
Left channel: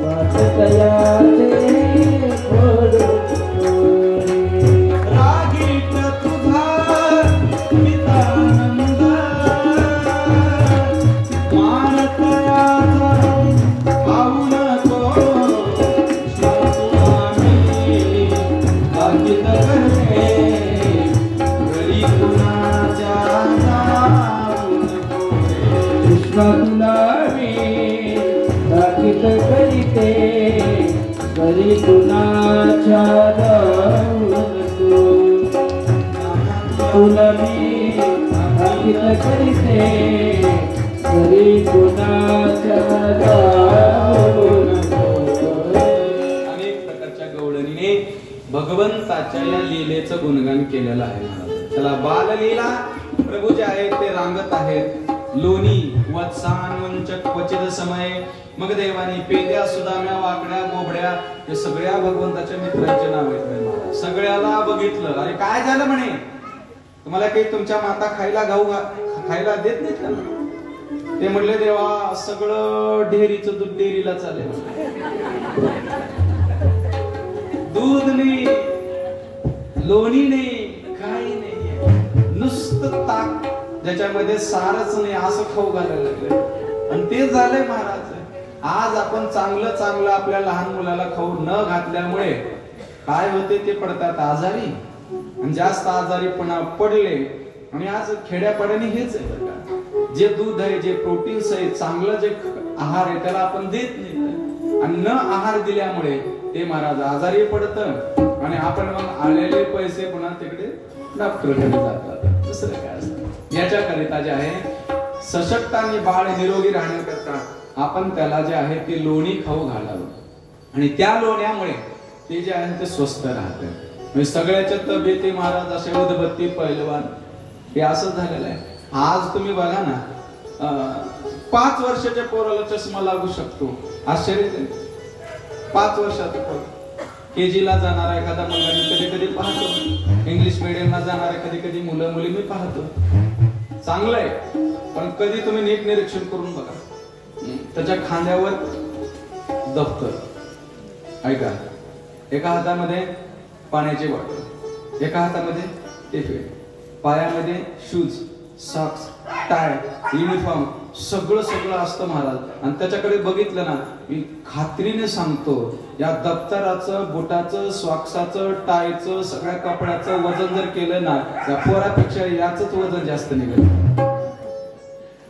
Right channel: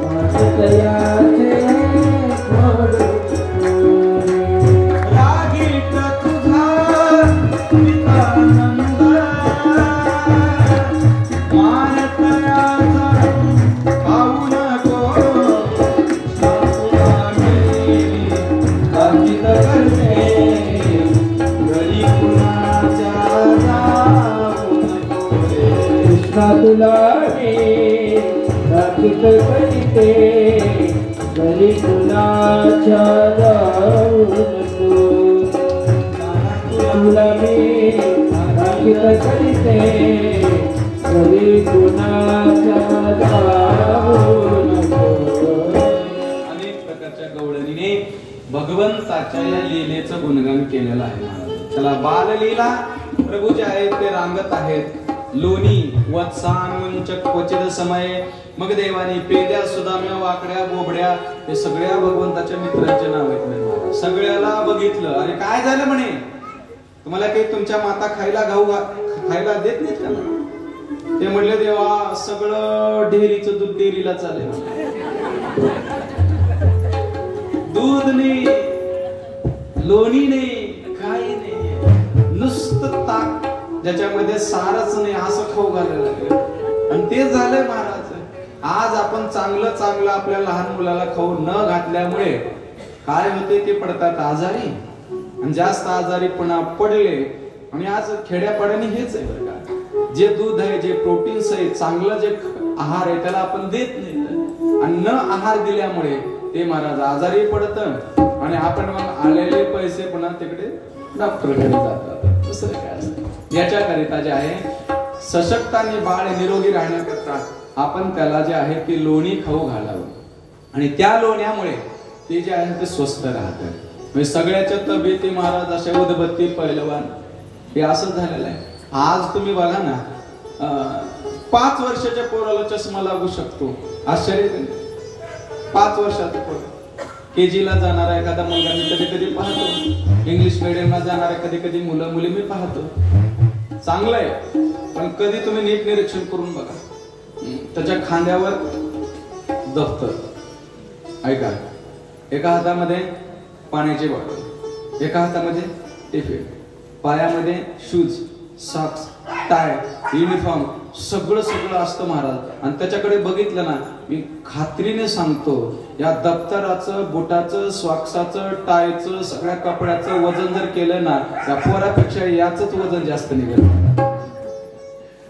माठ घराचे फोडून कोरे. रागीट तुझा पितानंद, मान तयाचा पाहू नको. स्वामी ताकीद करते, घरी कुणाच्या जाऊ नको रे. कृष्णा तुला मी ताकीद करीते, घरी कुणाच्या जाऊ नको. तुला मी ताकीद करीते, घरी कुणाच्या जाऊ नको. अनेक प्रकारच्या गवळणीने भगवंताच्या या लीलेचं गुणगान केलेलं आहे. त्याला बाललीला प्रभू जे आहेत ते रांगत आहेत. लोणी वत्सान मंचक क्वचित समय. मग देवानी पेद्या सुदाम्या वाकड्या बोबड्या हे सगळ्या भगवंताच्या मित्रांचे नाव आहेत. सगळ्याला बघितलं. अरे काय झालं म्हणे, तुम्हाला काही तुमच्या माता खायला खायला देत नाहीत का? ते म्हणले देवा सगळं डेअरीचं दूध डेअरीला चालेल. दूध नाही, लोणी नाही, काही नाही, नुसतं ताक ज्याच्यामध्ये सारच नाही असं खाऊ घालायला लागलं. आणि ते झालंय महाराज. आज आपण चांगलं चांगलं आपल्या लहान मुलाला खाऊ न घातल्यामुळे काय होते, ते पडतात आजारी आणि जास्त आजारी पडले. आणि आज खेड्यापाड्याने हेच आहे बरं का, जे दूध आहे, जे प्रोटीन्स आहे, चांगलं जे आहार आहे त्याला आपण देत नाही. आणि न आहार दिल्यामुळे ते महाराज आजारी पडतं आणि आपण आलेले पैसे पुन्हा तिकडे डॉक्टरकडे जातात. दुसरं काय असतं. याच्याकरिता जे आहे सशक्त आणि बाळ निरोगी राहण्याकरता आपण त्याला जे आहे ते लोणी खाऊ घालावं. आणि त्या लोण्यामुळे ते जे आहे ते स्वस्थ राहतं. म्हणजे सगळ्याच्या तब्येती महाराज असे उदबत्ती पहिलवान हे असं झालेलं आहे. आज तुम्ही बघा ना, 5 वर्षाच्या पोराला चष्मा लागू शकतो. आश्चर्य नाही. 5 वर्षाचा पोर KG ला जाणारा एखादा मुलगा मी कधी कधी पाहतो. इंग्लिश मीडियमला जाणारे कधी कधी मुलं मुली मी पाहतो. चांगलं आहे, पण कधी तुम्ही नीट निरीक्षण करून बघा. त्याच्या खांद्यावर दप्तर, ऐका, एका हातामध्ये पाण्याची बॉटल, एका हातामध्ये टिफिन, पायामध्ये शूज, सॉक्स, टाय, युनिफॉर्म, सगळं सगळं असतं महाराज. आणि त्याच्याकडे बघितलं ना, मी खात्रीने सांगतो या दप्तराचं, बुटाचं, सॉक्साचं, टायचं, सगळ्या कपड्याचं वजन जर केलं ना, त्या पोरापेक्षा याच वजन जास्त निघेल.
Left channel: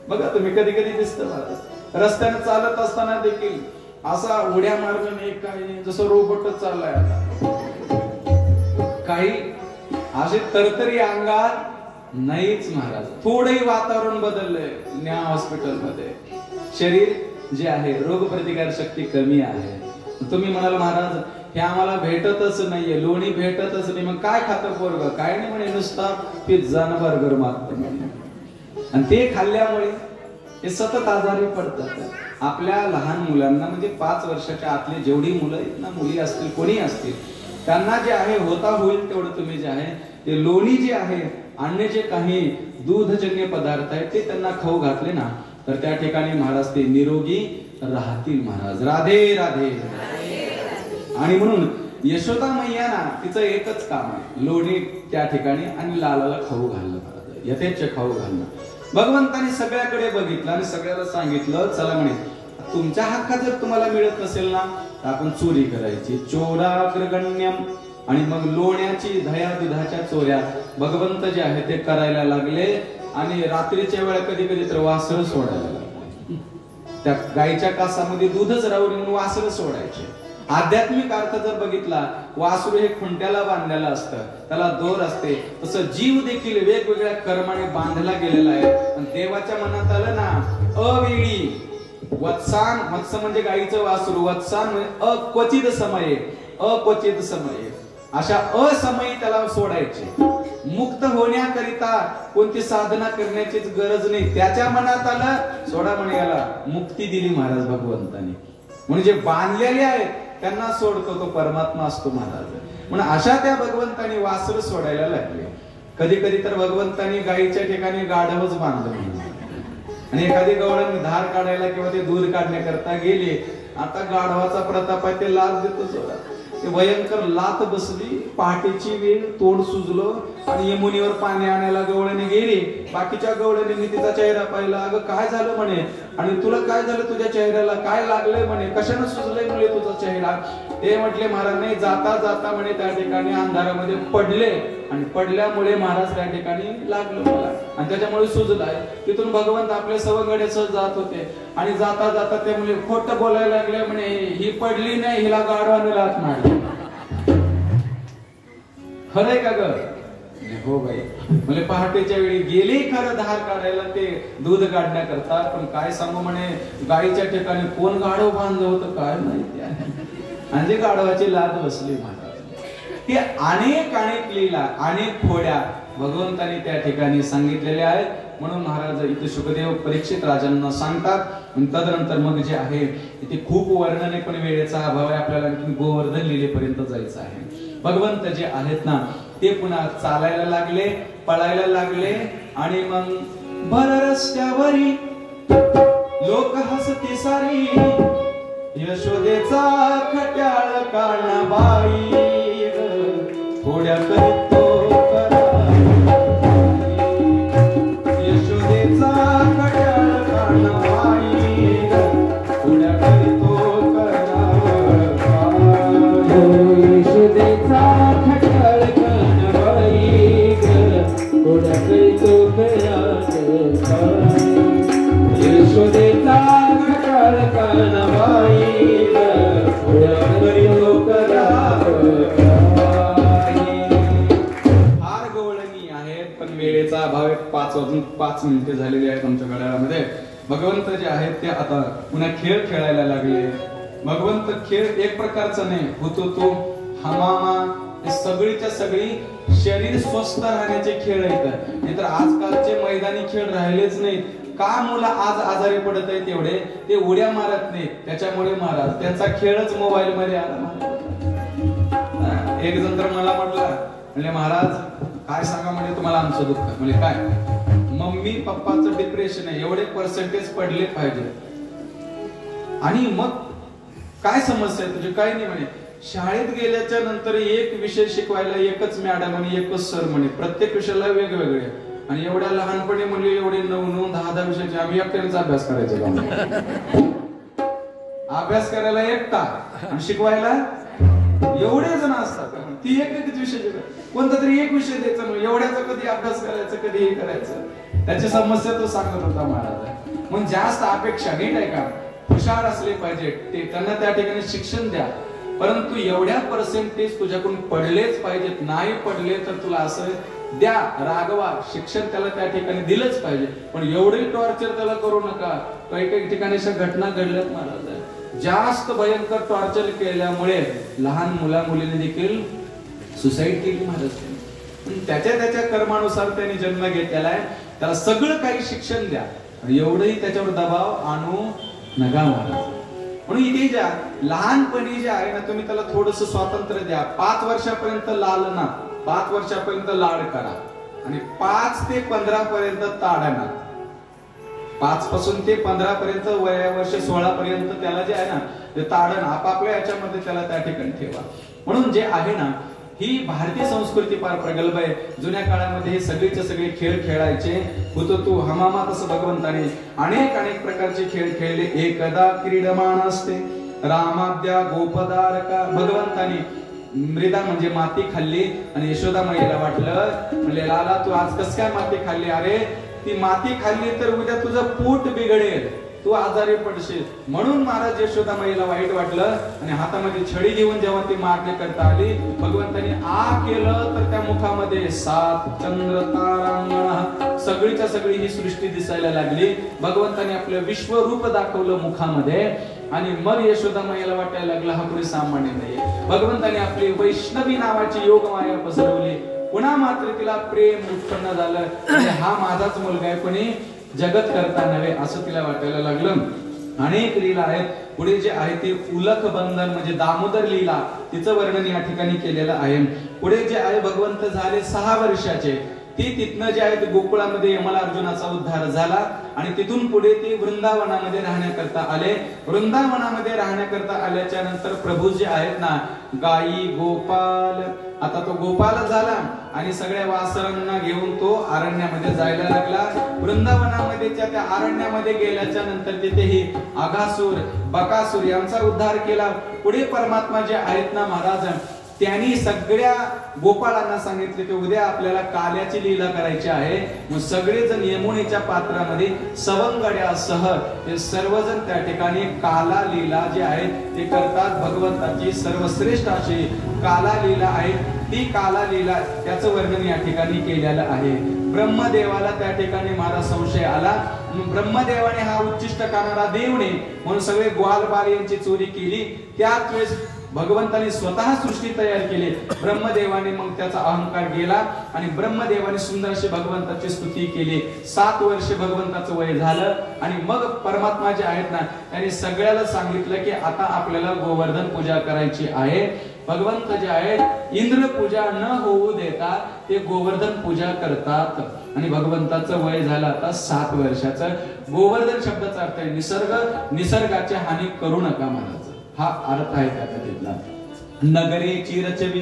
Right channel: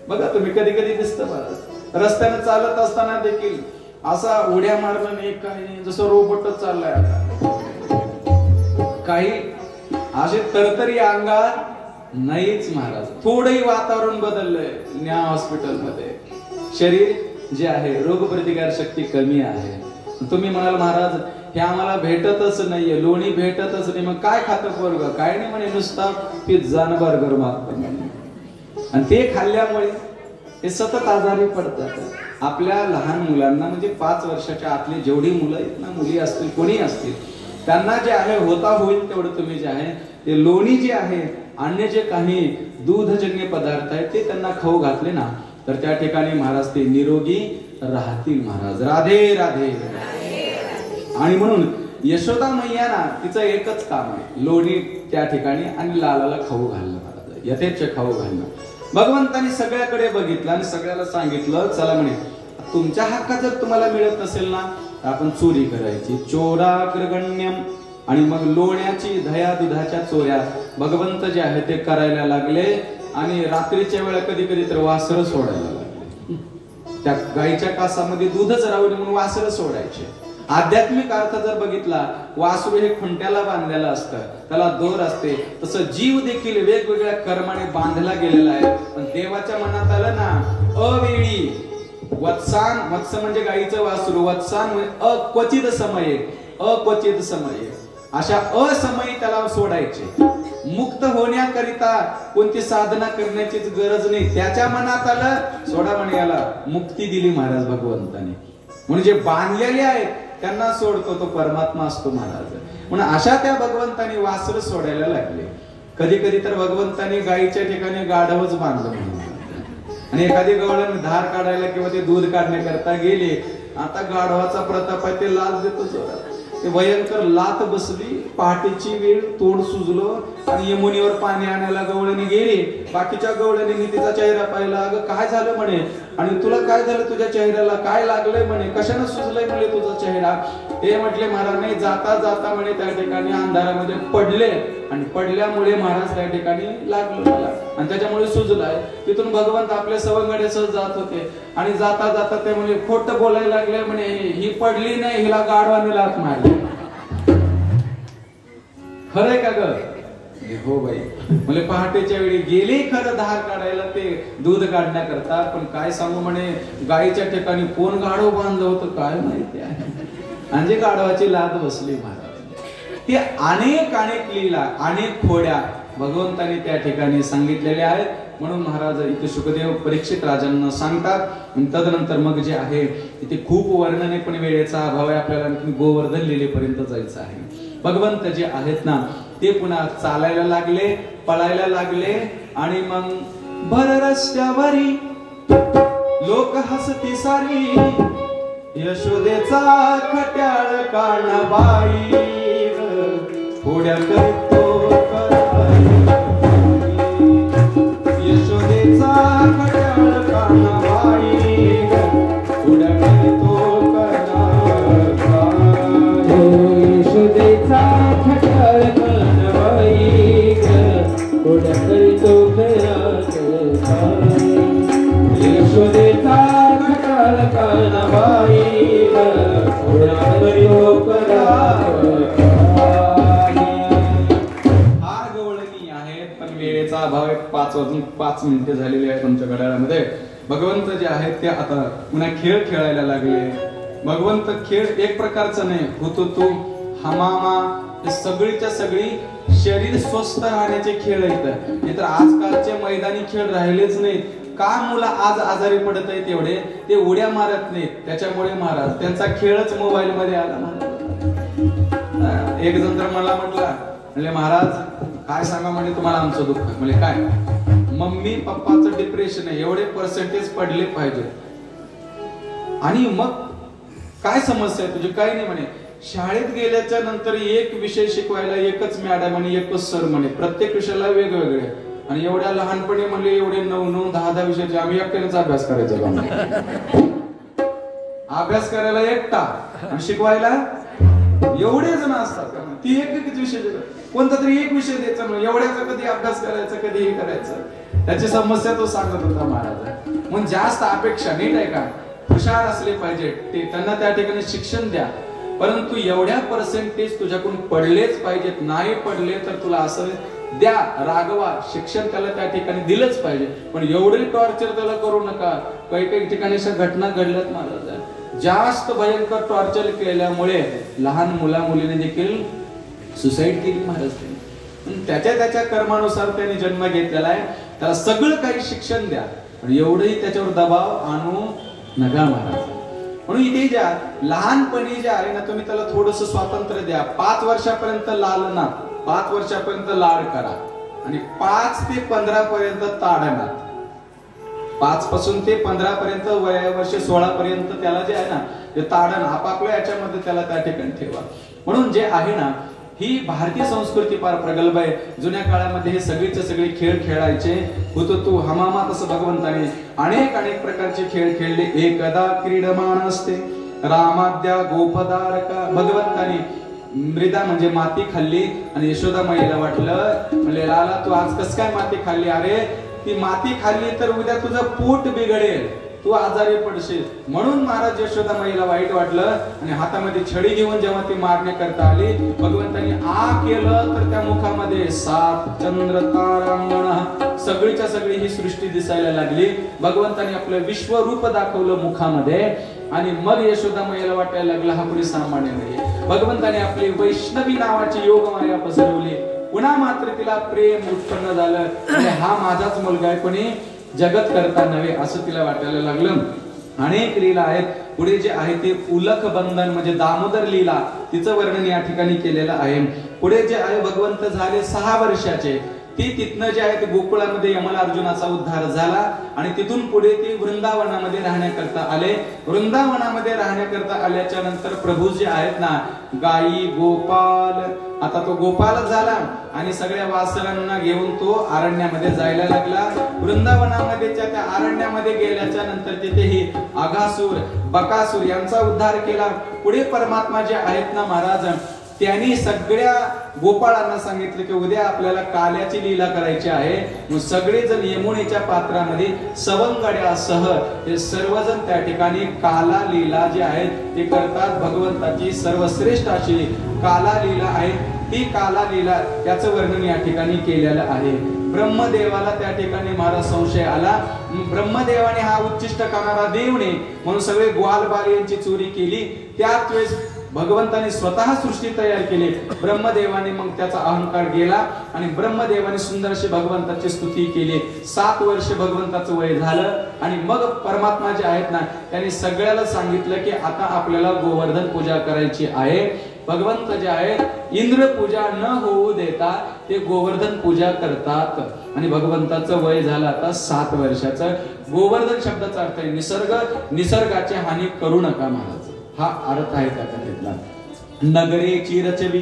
बघा तुम्ही, कधी कधी दिसतं महाराज रस्त्याने चालत असताना देखील असा उड्या मारणं नाही, काही जसं रोबोटच चाललाय आता. काही असे तरतरी अंगात नाहीच महाराज. थोडंही वातावरण बदललंय न्या हॉस्पिटलमध्ये. शरीर जे आहे, रोगप्रतिकार शक्ती कमी आहे. तुम्ही म्हणाल महाराज हे आम्हाला भेटतच नाहीये, लोणी भेटतच नाही, मग काय खातं पोरगं? काय नाही म्हणे, नुसता पिझ्झा आणि बर्गर मागतं. आणि ते खाल्ल्यामुळे हे सतत आजारी पडतात. आपल्या लहान मुलांना म्हणजे 5 वर्षाच्या आतली जेवढी मुलं आहेत ना, मुली असतील कोणी असतील, त्यांना जे आहे होता होईल तेवढं तुम्ही जे आहे ते लोणी जे आहे, अन्य जे काही दूधजन्य पदार्थ आहेत ते त्यांना खाऊ घातले ना, तर त्या ठिकाणी महाराज ते निरोगी राहतील महाराज. राधे राधे. आणि म्हणून यशोदा मैयाना तिचं एकच काम आहे, लोणी त्या ठिकाणी आणि लालाला खाऊ घालणं महाराज, यथेच्छ खाऊ घालणं. भगवंतानी सगळ्याकडे बघितलं आणि सगळ्याला सांगितलं, चला म्हणे तुमच्या हक्कात जर तुम्हाला मिळत नसेल ना तर आपण चोरी करायची, चोराग्रगण्यम. आणि मग लोण्याची दह्या दुधाच्या चोऱ्या भगवंत जे आहे ते करायला लागले. आणि रात्रीच्या वेळा कधी कधी तर वासरं सोडायला लागले, त्या गाईच्या कासामध्ये दूधच राहू नये म्हणून वासरं सोडायचे. आध्यात्मिक अर्थ जर बघितला, वासरू हे खुंट्याला बांधलेलं असतं, त्याला दोर असते, तसं जीव देखील वेगवेगळ्या कर्माने बांधला गेलेला आहे. पण देवाच्या मनात आलं ना अवेळी वत्सान, वत्स म्हणजे गाईचं वासरू, वत्सान म्हणजे अक्वचित समये, अक्वचित समये, अशा असमयी त्याला सोडायचे. मुक्त होण्याकरिता कोणती साधना करण्याचीच गरज नाही, त्याच्या मनात आलं सोडा म्हणे, याला मुक्ती दिली महाराज भगवंताने. म्हणजे बांधलेले आहेत त्यांना सोडतो तो परमात्मा असतो महाराज. म्हणून अशा त्या भगवंताने वासर सोडायला लागले. कधी कधी तर भगवंतानी गायीच्या ठिकाणी गाढवच बांधलं म्हणून. आणि एखादी गवळण धार काढायला किंवा ते दूध काढण्याकरता गेले, आता गाढवाचा प्रताप आहे ते लाच देतो सोडा. ते भयंकर लात बसली, पहाटेची वेळ, तोंड सुजलं आणि यमुनीवर पाणी आणायला गवळणी गेली. बाकीच्या गवळणींनी तिचा चेहरा पाहिला, अगं काय झालं म्हणे, आणि तुला काय झालं, तुझ्या चेहऱ्याला काय लागलंय म्हणे, कशानं सुजलंय म्हणे तुझा चेहरा. ते म्हटले महाराज नाही, जाता जाता म्हणे त्या ठिकाणी अंधारामध्ये पडले आणि पडल्यामुळे महाराज त्या ठिकाणी लागलं मला आणि त्याच्यामुळे सुजलाय. तिथून भगवंत आपल्या सवंगडे सहज जात होते आणि जाता जाता ते म्हणे खोटं बोलायला लागले म्हणे, ही पडली नाही, हिला गाढवाने लाथ मारली. खरंय का ग? हो बाई. म्हणजे पहाटेच्या वेळी गेले खरं धार काढायला ते दूध काढण्याकरता, पण काय सांगू म्हणे गायीच्या ठिकाणी कोण गाढव बांधलं होतं काय माहिती आहे. म्हणजे गाढवाची लाद बसली महाराज. ते अनेक अनेक लीला, अनेक खोड्या भगवंताने त्या ठिकाणी सांगितलेल्या आहेत. म्हणून महाराज इथे शुकदेव परीक्षित राजांना सांगतात. तदनंतर मग जे आहे इथे खूप वर्णने, पण वेळेचा अभाव आहे, आपल्याला गोवर्धन लीलेपर्यंत जायचं आहे. भगवंत जे आहेत ना ते पुन्हा चालायला लागले, पळायला लागले आणि मग भर रस्त्यावरी लोक हसती सारी, यशोदेचा खट्याळ कानबाई थोड्या करतो यशोदेचा खट्याळ कानबाई थोड्या करतो यशोदेचा खट्याळ कानबाई थोड्या करतो यशोदेचा खट्याळ कानबाई फार गवळणी आहेत, पण वेळेचा अभाव आहे. 5 वाजून 5 मिनिटे झालेली आहेत आमच्या घड्याळामध्ये. भगवंत जे आहेत ते आता पुन्हा खेळ खेळायला लागले. भगवंत खेळ एक प्रकारचा नाही, होतो तो हमामा, हे सगळीच्या सगळी शरीर स्वस्थ राहण्याचे खेळ आहेत. हे तर आजकालचे मैदानी खेळ राहिलेच नाहीत. का मुलं आज आजारी पडत आहेत एवढे, ते उड्या मारत नाहीत, त्याच्यामुळे महाराज त्यांचा खेळच मोबाईल मध्ये आला. एक जण तर मला म्हणले महाराज काय सांगा म्हणजे तुम्हाला आमचं दुःख. म्हणजे काय, मम्मी पप्पाचं डिप्रेशन आहे, एवढे पर्सेंटेज पडले पाहिजे. आणि मग काय समस्या आहे तुझी? काय नाही म्हणे, शाळेत गेल्याच्या नंतर एक विषय शिकवायला एकच मॅडम आणि एकच सर म्हणे, प्रत्येक विषयाला वेगवेगळे. आणि एवढ्या लहानपणी म्हणले एवढे 9-9, 10-10 विषयाचे आम्ही एकट्यानेच अभ्यास करायचा. अभ्यास करायला एकटा आणि शिकवायला एवढे जण असतात. ती एकच विषय कोणता तरी एक विषय द्यायचा म्हणजे एवढ्याचा कधी अभ्यास करायचा, कधी हे करायचं. त्याची समस्या तो सांगत होता महाराज. मग जास्त अपेक्षा नीट आहे का, हुशार असले पाहिजे ते, त्यांना त्या ठिकाणी शिक्षण द्या, परंतु एवढ्या पर्सेंटेज तुझ्याकडून पडलेच पाहिजेत. नाही पडले तर तुला असं द्या, रागवा, शिक्षण त्याला त्या ठिकाणी दिलंच पाहिजे. पण एवढे टॉर्चर त्याला करू नका. काही काही ठिकाणी अशा घटना घडल्यात महाराज. जास्त भयंकर टॉर्चर केल्यामुळे लहान मुला मुलीने देखील सुसाईड केली महाराज. त्याच्या त्याच्या कर्मानुसार त्याने जन्म घेतलेला आहे, त्याला सगळं काही शिक्षण द्या, एवढंही त्याच्यावर दबाव आणू नका महाराज. म्हणून इथे ज्या लहानपणी जे आहे ना तुम्ही त्याला थोडस स्वातंत्र्य द्या. 5 वर्षापर्यंत लालना, 5 वर्षापर्यंत लाड करा आणि 5 ते 15 पर्यंत ताडना. 5 पासून ते 15 पर्यंत वर्ष 16 पर्यंत त्याला जे आहे ना ते ताडण आपापल्या याच्यामध्ये त्याला त्या ठिकाणी ठेवा. म्हणून जे आहे ना ही भारतीय संस्कृती फार प्रगल्भ आहे. जुन्या काळामध्ये हे सगळेचे सगळे खेळ खेळायचे. हुतुतू हमामा तसं भगवंताने अनेक प्रकारचे खेळ खेळले. एकदा क्रीडमान असते रामाद्या गोपदारका. भगवंताने मृदा म्हणजे माती खाल्ली आणि यशोदा माईला वाटलं म्हणजे लाला तू आज कस काय माती खाल्ली. अरे ती माती खाल्ली तर उद्या तुझं पोट बिघडेल, तू आजारी पडशील. म्हणून महाराज यशोदा माईला वाईट वाटलं आणि हातामध्ये छडी घेऊन जेव्हा ती मारणे करता आली भगवंतानी आ केलं तर त्या मुखामध्ये 7 चंद्र तारा सगळीच्या सगळी ही सृष्टी दिसायला लागली. भगवंतानी आपलं विश्वरूप दाखवलं मुखामध्ये आणि मग यशोदा माईला वाटायला लागलं हा कोणी सामान्य नाही. भगवंताने आपली वैष्णवी नावाची योग माया पसरवली. पुन्हा मात्र तिला प्रेम उत्पन्न झालं आणि हा माझाच मुलगा आहे, कोणी जगत करता नव्हे असं तिला वाटायला लागलं. अनेक लीला आहेत. पुढे जे आहे ते उलख बंधन म्हणजे दामोदर लीला तिचं वर्णन या ठिकाणी केलेलं आहे. पुढे जे आहे भगवंत झाले 6 वर्षाचे. ती तिथनं जे आहे ते गोकुळामध्ये यमला अर्जुनाचा उद्धार झाला आणि तिथून पुढे ती वृंदावनामध्ये राहण्याकरता आले. वृंदावनामध्ये राहण्याकरता आल्याच्या नंतर प्रभू जे आहेत ना गायी गोपाल, आता तो गोपाल झाला आणि सगळ्या वासरांना घेऊन तो अरण्यामध्ये जायला लागला. वृंदावनामध्ये त्या अरण्यामध्ये गेल्याच्या नंतर तिथेही आघासूर बकासूर यांचा उद्धार केला. पुढे परमात्मा जे आहेत ना महाराज त्यांनी सगळ्या गोपाळांना सांगितलं की उद्या आपल्याला काल्याची लीला करायची आहे. मग सगळेजण यमुनेच्या पात्रामध्ये सवंगड्यासह ते सर्वजण त्या ठिकाणी काला लीला जे आहे ते करतात. भगवंताची सर्वश्रेष्ठ अशी काला लीला आहे. ही काला लीला त्याचं वर्णन या ठिकाणी केलेलं आहे. ब्रह्मदेवाला त्या ठिकाणी महाराज संशय आला. ब्रह्मदेवाने हा उच्चिष्ट करणारा देव ने म्हणून सगळे ग्वाल बाल यांची चोरी केली. त्याच वेळेस भगवंताने स्वतः सृष्टी तयार केली. ब्रह्मदेवाने मग त्याचा अहंकार गेला आणि ब्रह्मदेवाने सुंदर अशी भगवंताची स्तुती केली. 7 वर्ष भगवंताचं वय झालं आणि मग परमात्मा जे आहेत ना त्यांनी सगळ्याला सांगितलं की आता आपल्याला गोवर्धन पूजा करायची आहे. भगवंत जे आहेत इंद्र पूजा न होऊ देता ते गोवर्धन पूजा करतात आणि भगवंताचं वय झालं आता 7 वर्षाचं. गोवर्धन शब्दाचा अर्थ आहे निसर्ग, निसर्गाची हानी करू नका महाराज हा अर्थ आहे त्या कथेतला. नगरे चिरचवी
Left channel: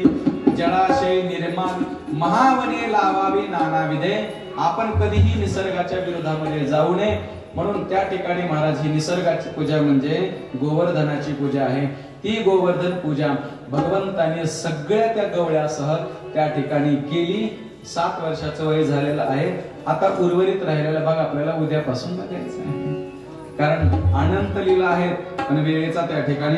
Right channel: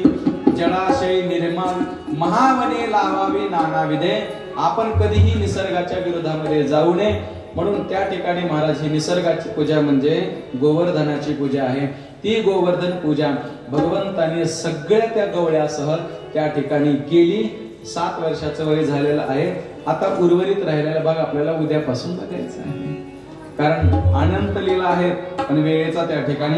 जलाशय निर्माण महावने लावावी नानाविधे. आपण कधीही निसर्गाच्या विरोधामध्ये जाऊ नये म्हणून त्या ठिकाणी महाराज ही निसर्गाची पूजा म्हणजे गोवर्धनाची पूजा आहे. ती गोवर्धन पूजा भगवंताने सगळ्या त्या गवळ्यासह त्या ठिकाणी केली. 7 वर्षाचं वय झालेलं आहे. आता उर्वरित राहिलेला भाग आपल्याला उद्यापासून बघायचा आहे कारण अनंत लीला आहेत पण वेळेचा त्या ठिकाणी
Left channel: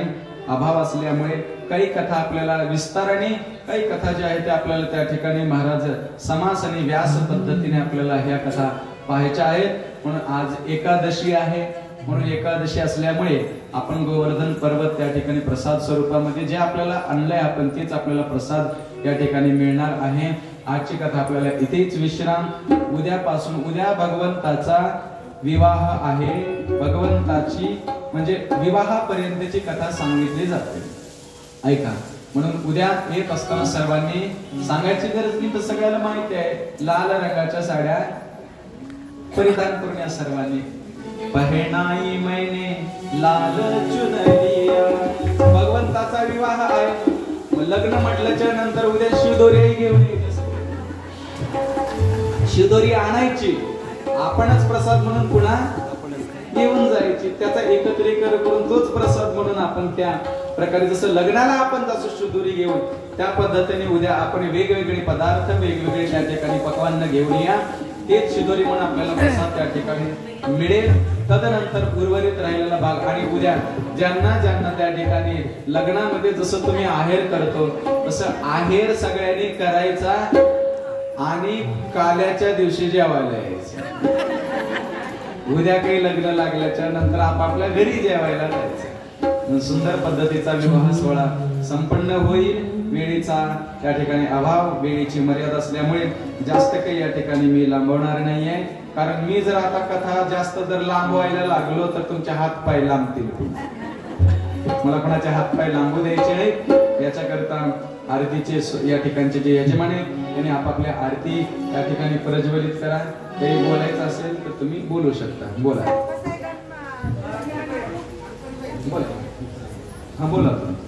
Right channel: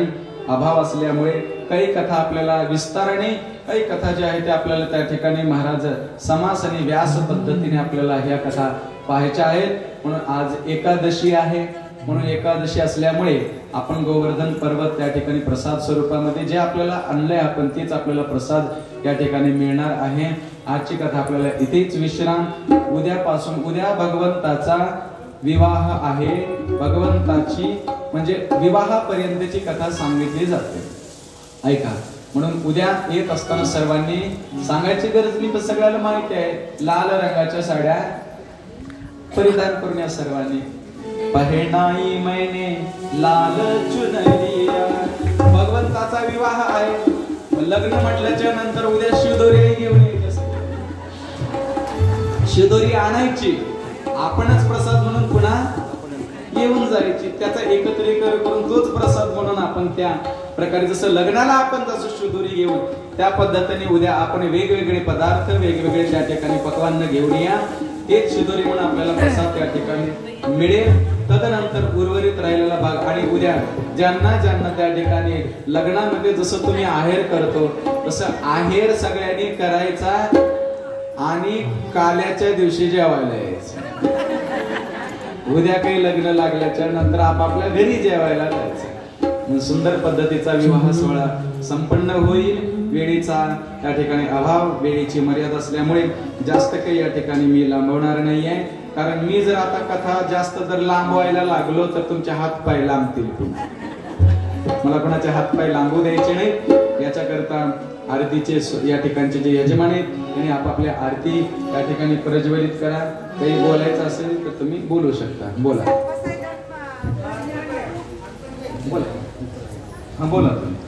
अभाव असल्यामुळे काही कथा आपल्याला विस्ताराने, काही कथा ज्या आहेत त्या आपल्याला त्या ठिकाणी महाराज समास आणि व्यास पद्धतीने आपल्याला ह्या कथा पाहायच्या आहेत. म्हणून आज एकादशी आहे. म्हणून एकादशी असल्यामुळे आपण गोवर्धन पर्वत त्या ठिकाणी प्रसाद स्वरूपामध्ये जे आपल्याला आणलंय आपण तेच आपल्याला प्रसाद या ठिकाणी मिळणार आहे. आजची कथा आपल्याला इथेच विश्राम. उद्यापासून उद्या भगवंताचा विवाह आहे. भगवंताची म्हणजे विवाहापर्यंतची कथा सांगितली जाते. ऐका म्हणून उद्या येत असताना सर्वांनी सांगायची गरज नाही पण सगळ्याला माहिती आहे लाल रंगाच्या साड्या परिधान करून या सर्वांनी. पहनाई मैंने लाल चुनरिया. भगवंताचा विवाह आहे. लग्न म्हटल्याच्या नंतर उद्या शिवदोरी घेऊन यायची. शिवदोरी आणायची आपणच प्रसाद म्हणून पुन्हा घेऊन जायची. त्याचा एकत्रीकरण करून तोच प्रसाद म्हणून आपण त्या प्रकारे जसं लग्नाला आपण जसं शिवदोरी घेऊन त्या पद्धतीने उद्या आपण वेगवेगळे पदार्थ वेगवेगळे त्या ठिकाणी पक्वान्न घेऊन या. तेच शिदोरी म्हणून आपल्याला प्रसाद त्या ठिकाणी मिळेल. तदनंतर उर्वरित राहिलेला भाग आणि उद्या ज्यांना ज्यांना त्या ठिकाणी लग्नामध्ये जसं तुम्ही आहेर करतो तसं आहेर सगळ्यांनी करायचा आणि काल्याच्या दिवशी जेवायला यायचं. उद्या काही लग्न लागल्याच्या नंतर आपापल्या घरी जेवायला जायचं. सुंदर पद्धतीचा विवाह सोहळा संपन्न होईल. वेळेचा त्या ठिकाणी अभाव, वेळेची मर्यादा असल्यामुळे जास्त काही या ठिकाणी मी लांबवणार नाहीये. कारण मी जर आता कथा जास्त जर लांबवायला लागलो तर तुमचे हात पाय लांबतील. मला कोणाचे हात पाय लांबू द्यायचे नाही. याच्याकरता आरतीचे या ठिकाणचे जे यजमान आहेत त्यांनी आपापल्या आरती या ठिकाणी प्रज्वलित करा. काही बोलायचं असेल तर तुम्ही बोलू शकता. बोला बोला. हा बोला तुम्ही.